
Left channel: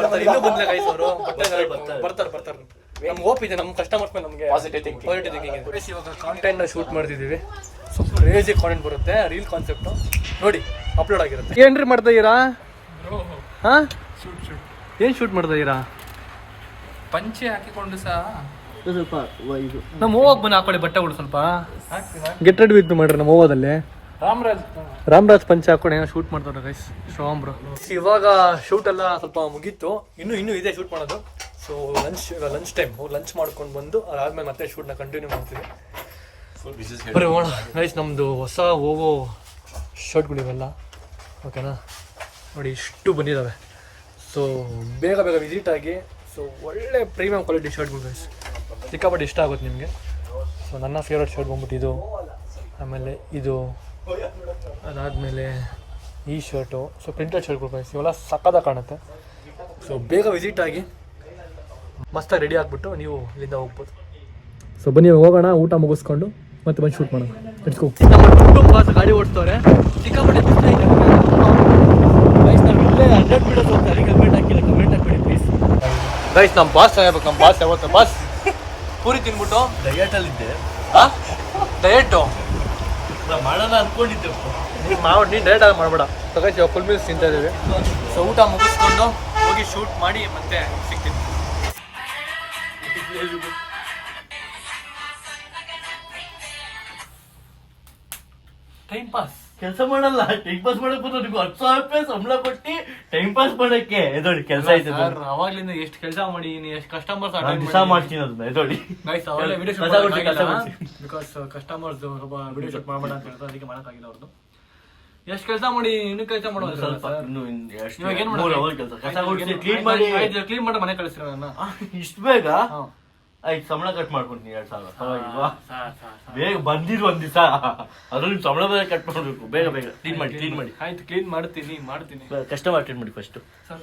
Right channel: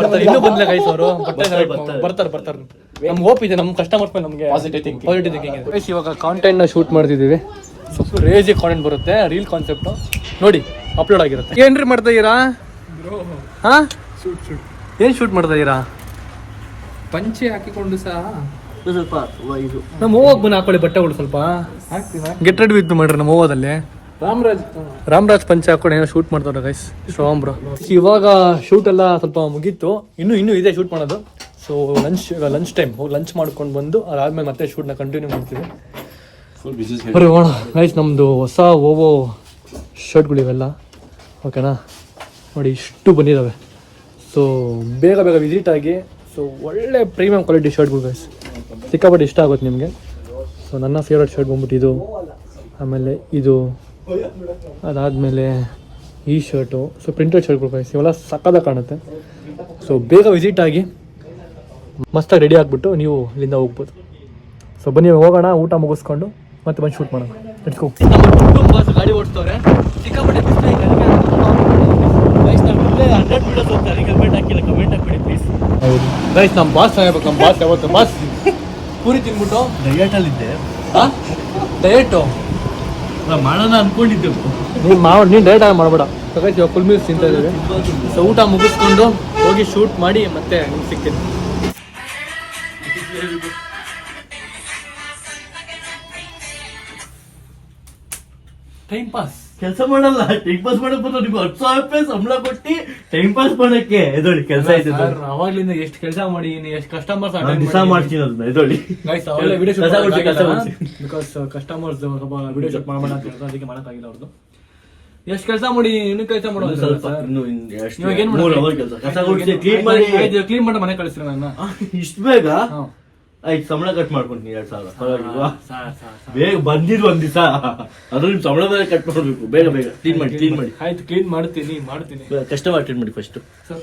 ಬರ್ತಾರೆ, ಇನ್ನೂ ಬಂದಿಲ್ಲ ಗೈಸ್ ಅವರು. ಬರ್ತಾರೆ. ನಮ್ಗೆ ಹೋಪ್ ಇದೆ, ನಮ್ಮ ಕಸ್ಟಮರ್ಸ್ ಮೇಲೆ ನಮಗೆ ಪಾಸಿಟಿವ್ ಥಿಂಕಿಂಗ್ ಇದೆ. ಇವಾಗ ಕಾಂಟೆಂಟ್ ನ ಶೂಟ್ ಮಾಡ್ತಿದ್ದೀವಿ. ರೇಜಿ ಕಾಂಟೆಂಟ್ ಬರುತ್ತೆ, ರೀಲ್ ಕಾನ್ಸೆಪ್ಟ್ ನೋಡಿ ಅಪ್ಲೋಡ್ ಆಗಿರುತ್ತೆ. ಏನ್ರಿ ಮಾಡ್ತಾ ಇದೀರಾ? ಹಾ ಏನ್ ಶೂಟ್ ಮಾಡ್ತಾ ಇದೀರಾ? ಪಂಚೆ ಹಾಕಿಕೊಂಡು ಸಹ ಸ್ವಲ್ಪ ಇದು ನಮ್ಮ ಹೋಗ್ ಬನ್ನ ಹಾಕೊಳ್ಳಿ ಬಟ್ಟೆಗಳು ಸ್ವಲ್ಪ. ಗೆಟ್ ರೆಡಿ ವಿತ್ ಮಾಡ್ರಿ ನಮ್ಮ ಹೋಗೋದಲ್ಲಿ. ರಾಮರಾಜ್ ಪಂಚ ಹಾಕೊಂಡು ಏನೋ ಶೂಟ್ ಮಾಡ್ತಾರೆ ಗೈಸ್. ಶ್ರಾವಣ್ ಬ್ರೋ ಇವಾಗ ಶೂಟ್ ಎಲ್ಲ ಸ್ವಲ್ಪ ಮುಗೀತು, ಇನ್ನೂ ಇದೆ ಶೂಟ್ ಮಾಡೋದು. ಸೊ ಲಂಚ್ ಟೈಮ್ ಹೋಗಿ ಲಂಚ್ ಮಾಡ್ಕೊಂಡು ಬಂದು ಅದಾದ್ಮೇಲೆ ಮತ್ತೆ ಶೂಟ್ನ ಕಂಟಿನ್ಯೂ ಮಾಡ್ತೀವಿ. ಬರೀ ಹೋಣ ಗೈಸ್. ನಮ್ಮದು ಹೊಸ ಓವೋ ಶರ್ಟ್ಗಳಿವೆಲ್ಲ ಓಕೆನಾ ನೋಡಿ, ಇಷ್ಟು ಬಂದಿದ್ದಾವೆ. ಸೊ ಬೇಗ ವಿಸಿಟ್ ಆಗಿ. ಸೊ ಒಳ್ಳೆ ಪ್ರೀಮಿಯಂ ಕ್ವಾಲಿಟಿ ಶರ್ಟ್ಗಳು ಗೈಸ್, ಸಿಕ್ಕಾಪಟ್ಟೆ ಇಷ್ಟ ಆಗುತ್ತೆ ನಿಮಗೆ. ಸೊ ನನ್ನ ಫೇವ್ರೇಟ್ ಶರ್ಟ್ ಬಂದ್ಬಿಟ್ಟು ಇದು, ಆಮೇಲೆ ಇದು, ಅದಾದಮೇಲೆ ಈ ಶರ್ಟು. ಸೊ ಪ್ರಿಂಟೆಡ್ ಶರ್ಟ್ಗಳು ಗೈಸ್, ಇವೆಲ್ಲ ಸಕ್ಕತ್ತಾಗಿ ಕಾಣುತ್ತೆ. ಸೊ ಬೇಗ ವಿಸಿಟ್ ಆಗಿ ಮಸ್ತಾಗಿ ರೆಡಿ ಆಗಿಬಿಟ್ಟು ನೀವು ಇಲ್ಲಿಂದ ಹೋಗ್ಬೋದು. ಸೊ ಬನ್ನಿ ಹೋಗೋಣ, ಊಟ ಮುಗಿಸ್ಕೊಂಡು ಮತ್ತೆ ಬಂದು ಶೂಟ್ ಮಾಡೋಣ. ಬಾಸ್ ಗಾಡಿ ಓಡಿಸ್ತವ್ರೆ, ಸಿಕ್ಕಾಪಟ್ಟೆ ಗೈಸ್. ನಮ್ಮ ಬಾಸ್ ಚೆನ್ನಾಗಿರ್ಬೇಕು. ನಮ್ಮ ಬಾಸ್ ಯಾವತ್ತು ಬಾಸ್ ಪೂರಿ ತಿನ್ಬಿಟ್ಟು ಡಯಟಲ್ಲಿದ್ದೆ. ಡಯಟು ಮಾಡೋಣ ಅನ್ಕೊಂಡಿದ್ದೆ. ನೀನು ಡಯಟ್ ಆಗಿ ಮಾಡಬೇಡ. ಗೈಸ್ ಇವಾಗ ಫುಲ್ ಮೀಲ್ಸ್ ತಿಂತಾ ಇದ್ದೀವಿ. ಸೊ ಊಟ ಮುಗಿಸ್ಕೊಂಡು ಹೋಗಿ ಶೂಟ್ ಮಾಡಿ ಮತ್ತೆ ನಿಮ್ಗೆ ಸಿಗ್ತೀನಿ. ಟೈಮ್ ಪಾಸ್ ಕೆಲಸ ಮಾಡಲ್ಲ, ಟೈಮ್ ಪಾಸ್ ಮಾಡಕ್ ಬಂದು ನಿಮ್ಗೆ 10,000 ರೂಪಾಯಿ ಸಂಬಳ ಕೊಟ್ಟು ಟೈಮ್ ಪಾಸ್ ಮಾಡಕ್ಕೆ ಎದೋಡಿ ಕೆಲಸ ಆಯ್ತು. ಅವಾಗ್ಲಿಂದ ಎಷ್ಟು ಕೆಲಸ ಮಾಡಿ ಎಷ್ಟು ಕಸ್ಟಮರ್ಸ್ ದಿವಸ ಮಾಡ್ತೀನಿ ಅದನ್ನ ಎದೋಡಿ. ಬಿಕಾಸ್ ಕಸ್ಟಮರ್ಸ್ ವಿಡಿಯೋ ಶೂಟ್ ಮಾಡೋಣ ಅಂತ ಹೇಳಿದ್ರೆ ಅದಕ್ಕೆ ಮಾಡೋಕ್ಕಾಗಿಲ್ಲ ಅವ್ರದ್ದು. ಎಷ್ಟು ಕೆಲಸ ಮಾಡಿ ಇನ್ನೂ ಕೆಲಸ ಮಾಡೋದು ಸ್ವಲ್ಪ ಇನ್ನು ಇವಾಗ ಏನ್ 3 hour ಕೆಲಸ ಕಸ ಗುಡಿಸಿ ಕ್ಲೀನ್ ಮಾಡಿ ಕ್ಲೀನ್ ಮಾಡಿ ಮನೆ ಕಳಿಸ್ತೀರ ನನ್ನ. ಇಷ್ಟು ಬೇಗ ಆಯ್ತು, ಸಂಬಳ ಕಟ್ ಮಾಡ್ಕೊಂತೀನಿ 2,000. ಪರವಾಗಿಲ್ವಾ? ಬೇಗ ಬಂದಿರು ಒಂದ್ ದಿವಸ, ಅದ್ರ ಸಂಬಳ ಬೇರೆ ಕಟ್ ಮಾಡ್ಬೇಕು. ಬೇಗ ಕ್ಲೀನ್ ಮಾಡಿ. ಆಯ್ತು ಕ್ಲೀನ್ ಮಾಡ್ತೀನಿ. ಕಸ್ಟಮರ್ ಅಟೆಂಡ್ ಮಾಡಿ ಫಸ್ಟ್. ಸರ್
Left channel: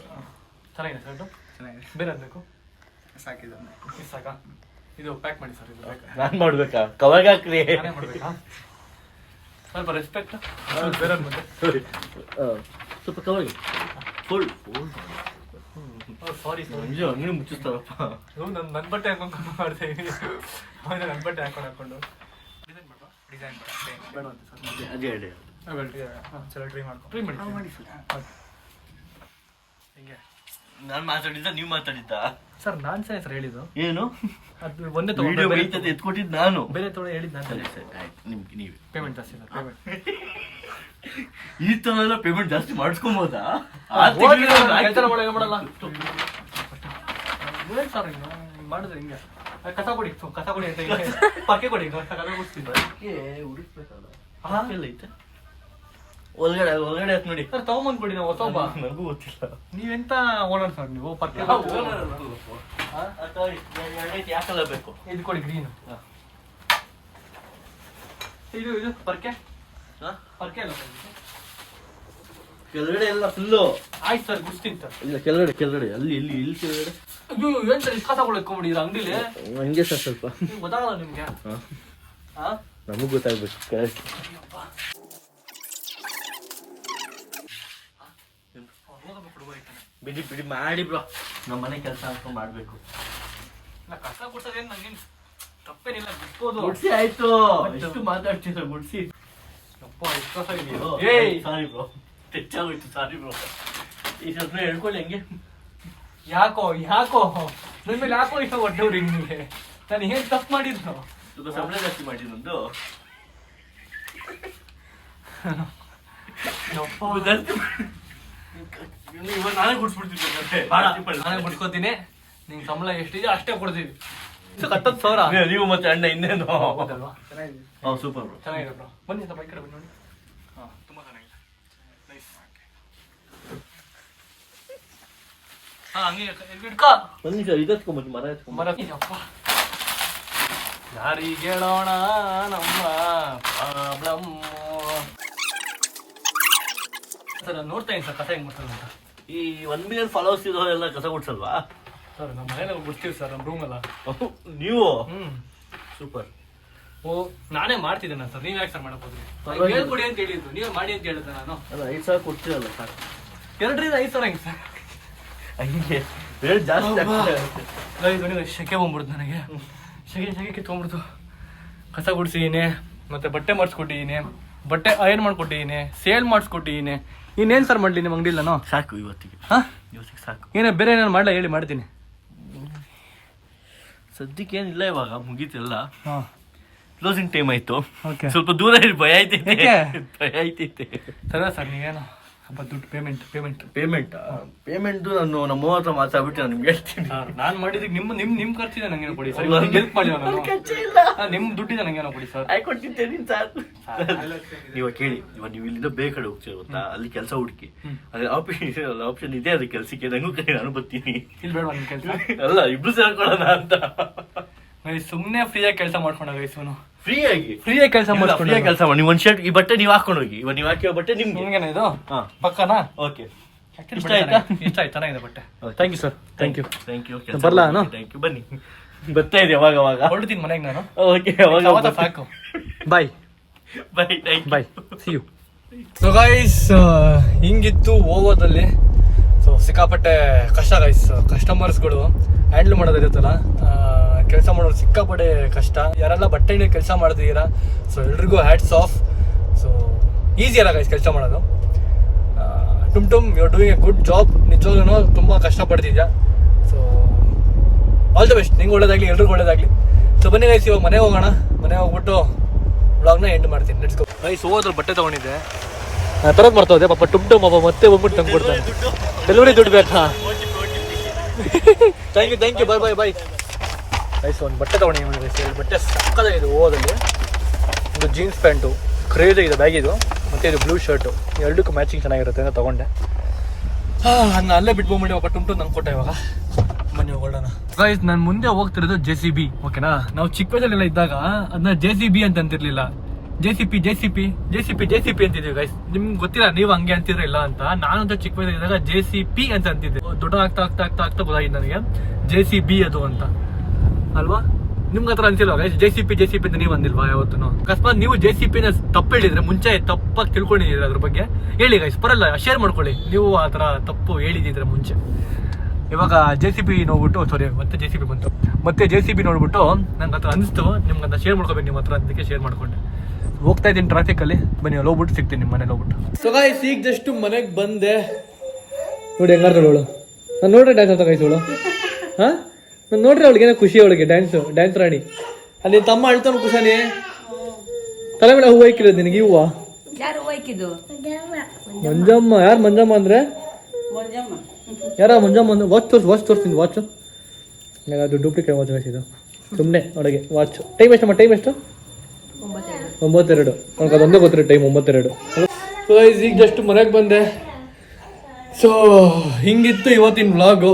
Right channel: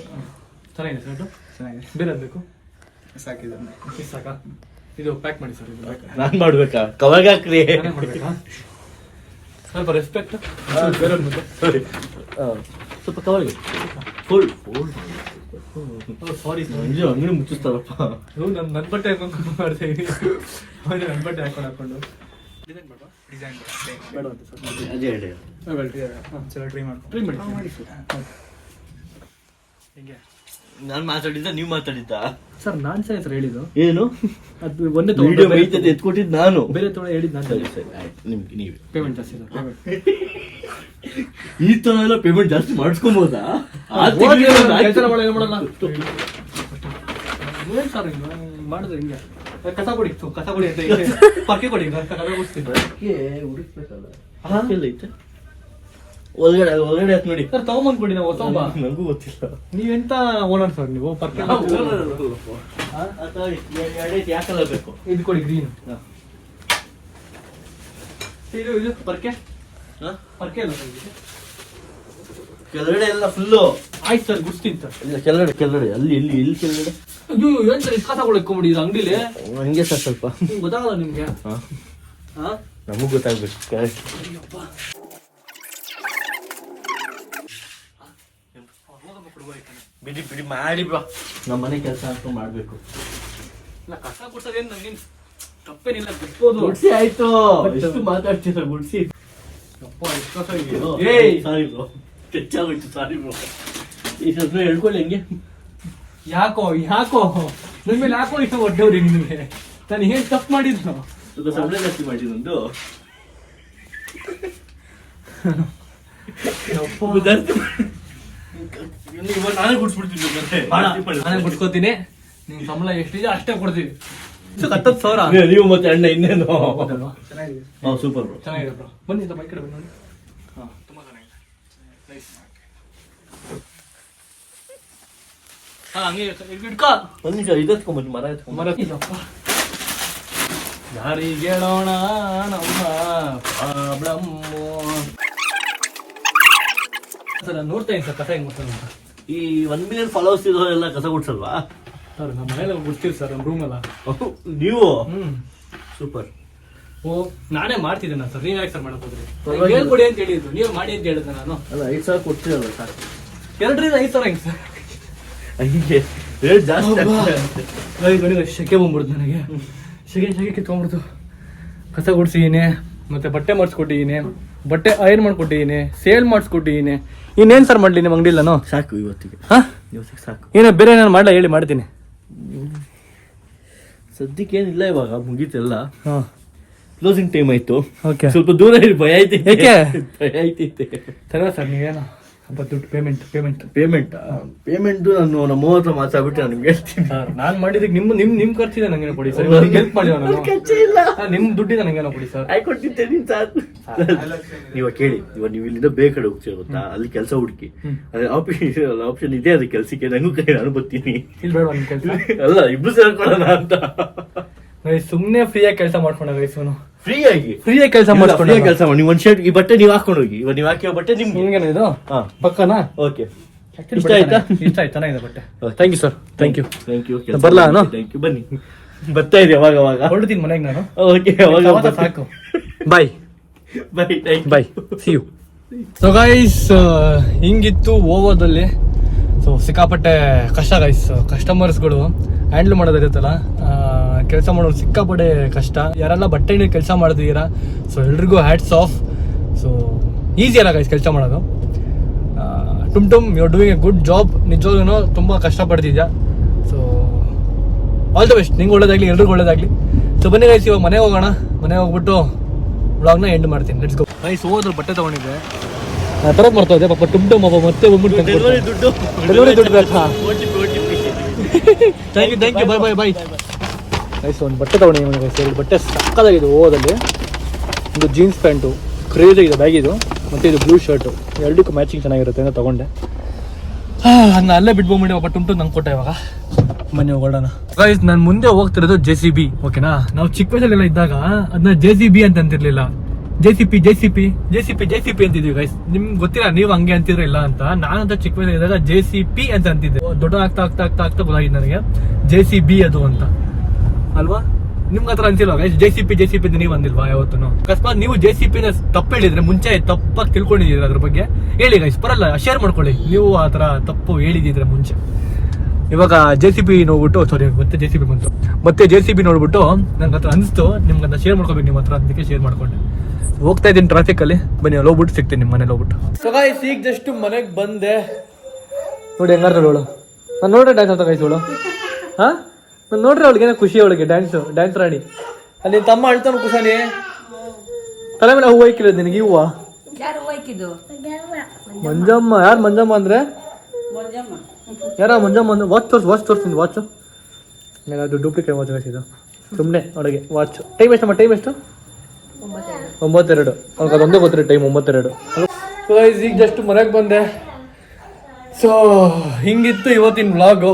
ಚೆನ್ನಾಗಿದೆ ಸರ್. ಚೆನ್ನಾಗಿದೆ. ಬೇರೆ ಬೇಕು ಸಾಕಿದೆ ಸಾಕಾ? ಇದು ಪ್ಯಾಕ್ ಮಾಡಿ ಸರ್. ಇದು ನಾನ್ ಮಾಡ್ಬೇಕಾ? ಕವರ್ಗೆ ಹಾಕ್ರಿ. ನಾನೇ ಮಾಡ್ಬೇಕಾ? ಸ್ವಲ್ಪ ರೆಸ್ಪೆಕ್ಟ್. ಬೇರೆ ಸ್ವಲ್ಪ ಕವರ್ಗೆ ಫುಲ್ ಸಾರಿ ಇದು ಅಂಗಡಿ ಮುಚ್ಚಿಸ್ತಾರಪ್ಪ. ನನ್ನ ಬಟ್ಟೆ ಹಾಕೊಂಡು ಮಾಡ್ತೀವಿ. ನನ್ನ ಬಟ್ಟೆ ಹಾಕೊಂಡು ಡಿಸೈನ್ ಬೇಡ ಅಂತ ಸರ್. ಅದೇ ಹೇಳಿ. ಚಲೋ ಟ್ರೈ ಮಾಡಿ ಟ್ರೈ ಮಾಡಿ ಮಾಡಿ ಹಿಂಗೆ ನಾನ್ ಮಾತಾಡಿದ್ದ ನೀವ್ ಮಾತಾಡಿದ್ದ ಸರ್ ನಾನ್ ಸರ್ ಹೇಳಿದ್ದು ಏನು ಅದು ಒಂದೇ ವಿಡಿಯೋ ಮೈತದ ಎತ್ಕೊಟ್ಟಿದ್ ನಾನು ಬೇರೆ ತೊಗೊಂಡು ಹೇಳಿದ್ದು ನಾನು ಸರಿ ಸರಿ ಆಯ್ತು ನಿಮ್ಗೆ ನೀವೇ ಪೇಮೆಂಟ್ ಜಾಸ್ತಿ ಇದೆ ಪೇಮೆಂಟ್ ಈ ತರ ಎಲ್ಲ ಪೇಮೆಂಟ್ ಜಾಸ್ತಿ ಮಾಡಿಸ್ಕೊಬೋದಾ ಕೆಲಸ ಮಾಡಲ್ಲ ಏನ್ ಸರ್ ಇದು ಮಾಡಿದ್ರೆ ಹಿಂಗೆ ಕಸ ಕೊಡಿ ಕಸ ಕೊಡಿ ಅಂತ ಪಕ್ಕಿ ಕೊಡಿ ಕಸ ಕೊಡ್ತೀನಿ ಐತೆ ಒಳಗಡೆ ಆಯ್ತು ನೋಡಿ ಸರ್ ತಗೊಂಬಂದ್ ಕೊಡಿ ನಾವು ಹೊಸ ನನಗೂ ಗೊತ್ತಿಲ್ಲ ನೀವೆಂತ ಓನರ್ ಸರ್ ನೀವು ಪರ್ಕೆ ಯಾಕಲ್ಲ ಬೇಕು ಇದು ಕೊಡಿ ಗ್ರೀನ್ ಇದು ಪರ್ಕೆ ಪರ್ಕೆ ಅಲ್ಲ ಸರ್ ಇದು ಕೆಳಗಡೆ ಎಲ್ಲ ಫುಲ್ಲು ಆಯ್ತು ಸರ್ ಗುಸ್ತೀನಿ ಸರ್ ಇಲ್ಲ ಕೆಳಗಡೆ ಅಲ್ಲಿ ಎಲ್ಲಿ ಕೆಳಗಡೆ ಇದು ಏನ್ ಸರ್ ಕಸ ಕೊಡಕ್ಕೊಂಬಿಡಿ ಇದು ಅಂಗಡಿಲಿ ಹಂಗೆ ಸರ್ ಸ್ವಲ್ಪ ಗೊತ್ತಾಗಲ್ಲ ನಿಮ್ಗೆ ಹಾ ನಮಗೂ ಗೊತ್ತಾಗ್ಬೇಕು ಬಿಡಿ ಮಾಡಿ ಬ್ರೋ ನಮ್ಮ ಮನೆ ಕೆಲಸ ಅಂತ ಮಾಡ್ಬೇಕು ಇಲ್ಲ ಕಸ ಕೊಡ್ಸೋದೇನು ನಂಗೇನು ತಪ್ಪೇನಿಲ್ಲ ಗೊತ್ತೋದು ಗುಡ್ಸಿ ಆಯ್ತು ಎಷ್ಟು ಮಾತಾಡ್ತೀರ ಗುಡ್ಸಿ ಸಾರಿ ಬ್ರೋ ಹೆಚ್ಚಾಗೋಯ್ತು ಸಾರಿ ಬ್ರೋ ಈ ಸ್ವಲ್ಪ ಹೇಳ್ಕೊಳ್ಳಿ ಹೆಂಗೆ ಯಾಕೋ ನನ್ನ ಮೇಲೆ ಯಾಕೋ ಇಷ್ಟು ಒಡ್ಡವ್ರಿ ನಿಮಗೆ ನಾನು ಏನು ತಪ್ಪು ಮಾಡಿದ್ನು ಸ್ವಲ್ಪ ಸಂಬಳ ಜಾಸ್ತಿ ಮಾಡಿ ನಂದು ನಾನೇ ಗುಡ್ಸ್ಬಿಡ್ತೀನಿ ನಾನು ಬಿಡ್ಕೋತೀನಿ ನಿಂಗೆ ಸಂಬಳ ಎಷ್ಟಿದೆ ಅಷ್ಟೇ ಕೊಡ್ತೀವಿ 10,000 ನೀವು ಮತ್ತೆ ಅಣ್ಣ ಇನ್ನೇನು ಚೆನ್ನಾಗಿದೆ ಹಾಂ ಸೂಪರ್ ಬ್ರೋ ಚೆನ್ನಾಗಿದೆ ಬ್ರೋ ಬನ್ನಿ ಸ್ವಲ್ಪ ಈ ಕಡೆ ಬನ್ನಿ ಹಾಂ ತುಂಬ ಚೆನ್ನಾಗಿದೆ ನೈಸ್ ಹಾಂ ಹಂಗೆ ಇಡ್ಕ ಒಂದು ನಿಮಿಷ ಇದತ್ಕೊಂಬಂದು ಮರ ಎತ್ಕೊಂಡ್ ಮರ ದಾರಿಗೇಳೋಣ ನಮ್ಮ ಪ್ರಾಬ್ಲಮ್ ಸರ್ ನಾನು ನೋಡ್ತಾ ಇದ್ದೀನಿ ಸರ್ ಕಸ ಹೆಂಗೆ ಮಾಡ್ತಾನೆ ಅಂತ ಈ 1 ಮಿಲಿಯನ್ ಫಾಲೋವರ್ಸ್ ಇರೋರೆಲ್ಲ ಕಸ ಗುಡ್ಸಲ್ವಾ ಸರ್ ನಮ್ಮ ಮನೇಲಿ ಬಿಡ್ತೀವಿ ಸರ್ ನಮ್ಮ ರೂಮೆಲ್ಲ ನೀವು ಹ್ಞೂ ಸೂಪರ್ ಓ ನಾನೇ ಮಾಡ್ತಿದ್ದೇನೆ ಸರ್ ನೀವು ಯಾಕೆ ಸರ್ ಮಾಡಕ್ ಹೋದ್ರಿ ಹೇಳ್ಕೊಡಿ ಅಂತ ಹೇಳಿದ್ದು ನೀವು ಮಾಡಿ ಅಂತ ಹೇಳಿದ್ದೆ ನಾನು ಅಲ್ಲ 5,000 ಕೊಡ್ತೀರಲ್ಲ ಸಾಕು 2,000 5,000 ಹೆಂಗೆ ಸರ್ ಹಂಗೆ ರೇಟ್ ಜಾಸ್ತಿ ಶೆಕೆ ಬಂದ್ಬಿಡ್ತು ನನಗೆ ಶೆಕೆ ಕಿತ್ಕೊಂಡ್ಬಿಡ್ತು ಕಸ ಗುಡ್ಸಿದ್ದೀನಿ ಮತ್ತೆ ಬಟ್ಟೆ ಮಾಡಿಸ್ಕೊಟ್ಟಿದ್ದೀನಿ ಬಟ್ಟೆ ಐರನ್ ಮಾಡ್ಕೊಟ್ಟಿದ್ದೀನಿ ಸೇಲ್ ಮಾಡಿಸ್ಕೊಟ್ಟಿದ್ದೀನಿ ಇನ್ನೇನು ಸರ್ ಮಾಡಲಿ ನಿಮ್ಮ ಅಂಗಡಿಲ್ಲ ನಾನು ಸಾಕು ಇವತ್ತಿಗೆ ಹಾಂ ಇವತ್ತಿಗೆ ಸಾಕು ಏನೇ ಬೇರೆ ಏನಾರು ಮಾಡಲ್ಲ ಹೇಳಿ ಮಾಡ್ತೀನಿ ಸದ್ಯಕ್ಕೆ ಏನಿಲ್ಲ ಇವಾಗ ಮುಗೀತೆಲ್ಲ ಹಾಂ ಕ್ಲೋಸಿಂಗ್ ಟೈಮ್ ಆಯ್ತು ಓಕೆ ಸ್ವಲ್ಪ ದೂರ ಇರಿ ಭಯ ಐತೈತೆ ಏಕೆ? ಭಯ ಐತೈತೆ ಸರಿ ಸರ್ ನೀವೇನು ಸ್ವಲ್ಪ ದುಡ್ಡು ಪೇಮೆಂಟ್ ಪೇಮೆಂಟ್ ನಾನು ನಮ್ಮ ಹತ್ರ ಮಾತಾಡ್ಬಿಟ್ಟು ನಾನು ನಿಮ್ಗೆ ಹೇಳ್ತೀನಿ ಸರ್ ನಾನು ಮಾಡಿದಕ್ಕೆ ನಿಮ್ಮ ಖರ್ಚಿದೆ ನಂಗೇನೋ ಕೊಡಿ ಸರ್ ಹೆಲ್ಪ್ ಮಾಡಿದ ನಾನು ನಿಮ್ಮ ದುಡ್ಡಿದೆ ನಂಗೇನೋ ಕೊಡಿ ಸರ್ ಆಯ್ಕೊಟ್ಟಿದ್ದೇನೆ ಸಾಕು ಇವಾಗ ಕೇಳಿ ಇವಾಗ ನೀವು ಇಲ್ಲಿಂದ ಬೇರೆ ಕಡೆ ಹೋಗ್ತೀರ ಗೊತ್ತಾ ಅಲ್ಲಿ ಕೆಲಸ ಹುಡುಕಿ ಅದೇ ಆಪ್ಷನ್ ಇದೆ ಅದು ಕೆಲಸಕ್ಕೆ ನಂಗೂ ಕೈ ನಾನು ಬರ್ತೀನಿ ಇಲ್ಲಿ ಬೇಡ ನಿಮ್ಮ ಕೆಲಸ ಅಲ್ಲ ಇಬ್ರು ಸೇರ್ಕೊಳ್ಳೋಣ ಅಂತ ಸುಮ್ಮನೆ ಫ್ರೀಯಾಗಿ ಕೆಲಸ ಮಾಡ್ಕೊಂಡ ವಯಸ್ಸು ಫ್ರೀಯಾಗಿ ಕೆಲಸ ಮಾಡ್ಕೊಂಡು ಕೆಲಸ ಮಾಡಿ ನೀವು ಒಂದು ಶರ್ಟ್ ಈ ಬಟ್ಟೆ ನೀವು ಹಾಕೊಂಡು ಹೋಗಿ ಇವಾಗ ನೀವು ಹಾಕಿರೋ ಬಟ್ಟೆ ನಿಮ್ಗೆ ನಿಮ್ಗೇನ ಇದು ಹಾ ಪಕ್ಕನಾ ಓಕೆ ಇಷ್ಟ ಆಯ್ತಾ ಇಷ್ಟ ಆಯ್ತು ಚೆನ್ನಾಗಿದೆ ಬಟ್ಟೆ thank you sir thank you ಬರ್ಲಾ ನಾನು? ಥ್ಯಾಂಕ್ ಯು ಬನ್ನಿ ಬರ್ತಾ ಇದೆ ಅವಾಗ ಅವಾಗ ಹೊರಡ್ತೀನಿ ಮನೆಗೆ ನಾನು ಓಕೆ ಅವಾಗ ಸಾಕು bye bye thank bye see you so guys ಹಿಂಗಿತ್ತು ಓವೋದಲ್ಲಿ ಸೊ ಸಿಕ್ಕಾಪಟ್ಟೆ ಕಷ್ಟ ಗೈಸ್ ಕಸ್ಟಮರ್ಸ್ಗಳು ಹ್ಯಾಂಡಲ್ ಮಾಡೋದಿರುತ್ತಲ್ಲ ಕೆಲಸ ಮಾಡೋದು ಸಿಕ್ಕಾಪಟ್ಟೆ ಕಷ್ಟ ಯಾರೆಲ್ಲ ಬಟ್ಟೆ ಅಂಗಡಿ ಕೆಲಸ ಮಾಡಿದೀರಾ ಸೊ ಎಲ್ರಿಗೂ ಹ್ಯಾಟ್ಸ್ ಆಫ್ ಸೊ ಈಸಿ ಅಲ್ಲ ಗೈಸ್ ಕೆಲಸ ಮಾಡೋದು ಟುಮ್ you are doing a good job ನಿಜವಾಗ್ಲೂ ತುಂಬ ಕಷ್ಟಪಡ್ತಿದ್ಯಾ ಸೊ ಆಲ್ ದ ಬೆಸ್ಟ್ ನಿಂಗೆ ಒಳ್ಳೇದಾಗ್ಲಿ ಎಲ್ರಿಗೂ ಒಳ್ಳೇದಾಗ್ಲಿ ಸೊ ಬನ್ನಿ ಗೈಸ್ ಇವಾಗ ಮನೆಗೆ ಹೋಗೋಣ ಮನೆಗೆ ಹೋಗ್ಬಿಟ್ಟು ವ್ಲಾಗ್ನ ಎಂಡ್ ಮಾಡ್ತೀನಿ ಲೆಟ್ಸ್ ಗೋ ಗೈಸ್ ಹೋದ್ರೆ ಬಟ್ಟೆ ತಗೊಂಡಿದ್ದೆ ತರೋದು ಮಾಡ್ತಾ ಪಾಪ ಟುಮ್ ಅಪ್ಪ ಮತ್ತೆ ಬಂದ್ಬಿಟ್ಟು ತಂದು ಕೊಡ್ತಾರೆ ಡೆಲಿವರಿ ದುಡ್ಡು ಬೇಕಾ ಥ್ಯಾಂಕ್ ಯು ಬಾಯ್ ಗೈಸ್ ಒಂದು ಬಟ್ಟೆ ತಗೊಂಡಿದ್ದೀನಿ ಗೈಸ್ ಎರಡು ಬಟ್ಟೆ ಸಕ್ಕದಾಗಿದೆ ಓದಲ್ಲಿ ಒಂದು ಜೀನ್ಸ್ ಪ್ಯಾಂಟು ಕ್ರೇಜ್ ಇದೆ ಬ್ಯಾಗ್ ಇದು ಮತ್ತು ಇದು ಬ್ಲೂ ಶರ್ಟು ಎರಡಕ್ಕೂ ಮ್ಯಾಚಿಂಗ್ ಚೆನ್ನಾಗಿರುತ್ತೆ ಅಂತ ತೊಗೊಂಡೆ ಅದನ್ನ ಅಲ್ಲೇ ಬಿಟ್ಕೊಂಡ್ಬಿಟ್ಟು ಒಬ್ಬ ಟುಮ್ ನಂಗೆ ಕೊಟ್ಟೆ ಇವಾಗ ಬನ್ನಿ ಹೋಗೋಣ ಗೈಸ್ ನಾನು ಮುಂದೆ ಹೋಗ್ತಿರೋದು JCB ಓಕೆನಾ ನಾವು ಚಿಕ್ಕ ವಯಸ್ಸಲ್ಲೆಲ್ಲ ಇದ್ದಾಗ ಅದನ್ನ JCB ಅಂತ ಅಂತಿರ್ಲಿಲ್ಲ JCP ಅಂತಿದ್ವಿ ಗೈಸ್ ನಿಮ್ಗೆ ಗೊತ್ತಿಲ್ಲ ನೀವು ಹಂಗೆ ಅಂತಿದ್ರೆ ಇಲ್ಲ ಅಂತ ನಾನಂತ ಚಿಕ್ಕ ವಯಸ್ಸಲ್ಲಿದ್ದಾಗ JCP ಅಂತ ಅಂತಿದ್ದೆ ದೊಡ್ಡ ಆಗ್ತಾ ಗೊತ್ತಾಗಿದೆ ನನಗೆ JCB ಅದು ಅಂತ ಅಲ್ವಾ ನಿಮ್ಗೆ ಹತ್ರ ಅಂತಿಲ್ವಾ ಗೈಸ್ JCP ಅಂತ ನೀವು ಅಂದಿಲ್ವಾ ಯಾವತ್ತು ಅಕಸ್ಮಾತ್ ನೀವು JCP ನ ತಪ್ಪು ಹೇಳಿದ್ರೆ ಮುಂಚೆ ತಪ್ಪಾಗಿ ತಿಳ್ಕೊಂಡಿದ್ದೀರಿ ಅದ್ರ ಬಗ್ಗೆ ಹೇಳಿ ಗೈಸ್ ಬರಲ್ಲ ಶೇರ್ ಮಾಡ್ಕೊಳ್ಳಿ ನೀವು ಆ ಥರ ತಪ್ಪು ಹೇಳಿದಿದ್ರೆ ಮುಂಚೆ ಇವಾಗ JCP ನೋಡ್ಬಿಟ್ಟು ಸಾರಿ ಮತ್ತೆ JCP ಬಂತು ಮತ್ತೆ JCB ನೋಡ್ಬಿಟ್ಟು ನಂಗೆ ಹತ್ರ ಅನಿಸ್ತು ನಿಮ್ಗೆ ಅಂತ ಶೇರ್ ಮಾಡ್ಕೋಬೇಕು ನಿಮ್ಮ ಹತ್ರ ಅದಕ್ಕೆ ಶೇರ್ ಮಾಡ್ಕೊಂಡೆ ಹೋಗ್ತಾ ಇದ್ದೀನಿ ಟ್ರಾಫಿಕ್ ಅಲ್ಲಿ ಬನ್ನಿ ಅಲ್ಲಿ ಹೋಗ್ಬಿಟ್ಟು ಸಿಗ್ತೀನಿ ನಿಮ್ಮ ಮನೇಲಿ ಹೋಗ್ಬಿಟ್ಟು ಸೊ ಗೈಸ್ ಈಗ ಜಸ್ಟ್ ಮನೆಗೆ ಬಂದೆ ನೋಡಿ ಹೆಂಗಾರ್ದಳು ನಾನು ನೋಡ್ರೆ ಡ್ಯಾನ್ಸ್ ಅಂತ ಕೈಸೋಳು ಹಾಂ ನಾನು ನೋಡ್ರಿ ಅವಳಿಗೆ ಏನೋ ಖುಷಿ ಅವಳಿಗೆ ಡ್ಯಾನ್ಸ್ ರಾಣಿ. ಅಲ್ಲಿ ನಿನ್ನ ತಮ್ಮ ಅಳ್ತಾನು ಕುಶಾನಿ, ತಲೆ ಮೇಲೆ ಹೂವು ಇಕ್ಕಿರೋದು ನಿನಗೆ ಈ ಹೂವು ಮಂಜಮ್ಮ. ಯಾರು ಮಂಜಮ್ಮ ಅಂದ್ರೆ ಯಾರೋ ಮಂಜಮ್ಮ ಅಂದ್ರೆ ವಾಚ್ ತೋರಿಸ್ತೀನಿ ವಾಚು. ಅದು ಡೂಪ್ಲಿಕೇಟ್ ವಾಚ್ ಇದು ಸುಮ್ಮನೆ ಒಳಗೆ ವಾಚ್. ಟೈಮ್ ಎಷ್ಟಮ್ಮ? ಟೈಮ್ ಎಷ್ಟು? 9:02. ಅವ್ನಿಗೆ ಅದೊಂದೇ ಗೊತ್ತಿರೋ ಟೈಮ್ 9:02. ಸೊ ಈಗ ಜಸ್ಟ್ ಮನೆಗೆ ಬಂದೆ. ಸೊ ಹಿಂಗಿತ್ತು ಇವತ್ತಿನ ವ್ಲಾಗು.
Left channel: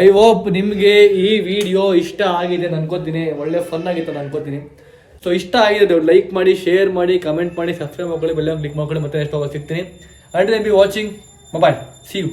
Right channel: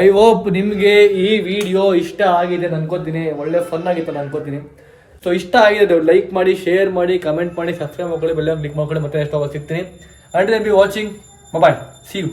ಐ ಹೋಪ್ ನಿಮಗೆ ಈ ವಿಡಿಯೋ ಇಷ್ಟ ಆಗಿದೆ ಅನ್ಕೋತೀನಿ. ಒಳ್ಳೆ ಫನ್ ಆಗಿತ್ತು ಅನ್ಕೋತೀನಿ. ಸೊ ಇಷ್ಟ ಆಗಿದೆ ಲೈಕ್ ಮಾಡಿ, ಶೇರ್ ಮಾಡಿ, ಕಮೆಂಟ್ ಮಾಡಿ, ಸಬ್ಸ್ಕ್ರೈಬ್ ಮಾಡ್ಕೊಳ್ಳಿ, ಬೆಲ್ಲ ಕ್ಲಿಕ್ ಮಾಡ್ಕೊಳ್ಳಿ. ಮತ್ತೆ ನೆಕ್ಸ್ಟ್ ಸಿಗ್ತೀನಿ. Until be watching. Bye, see you.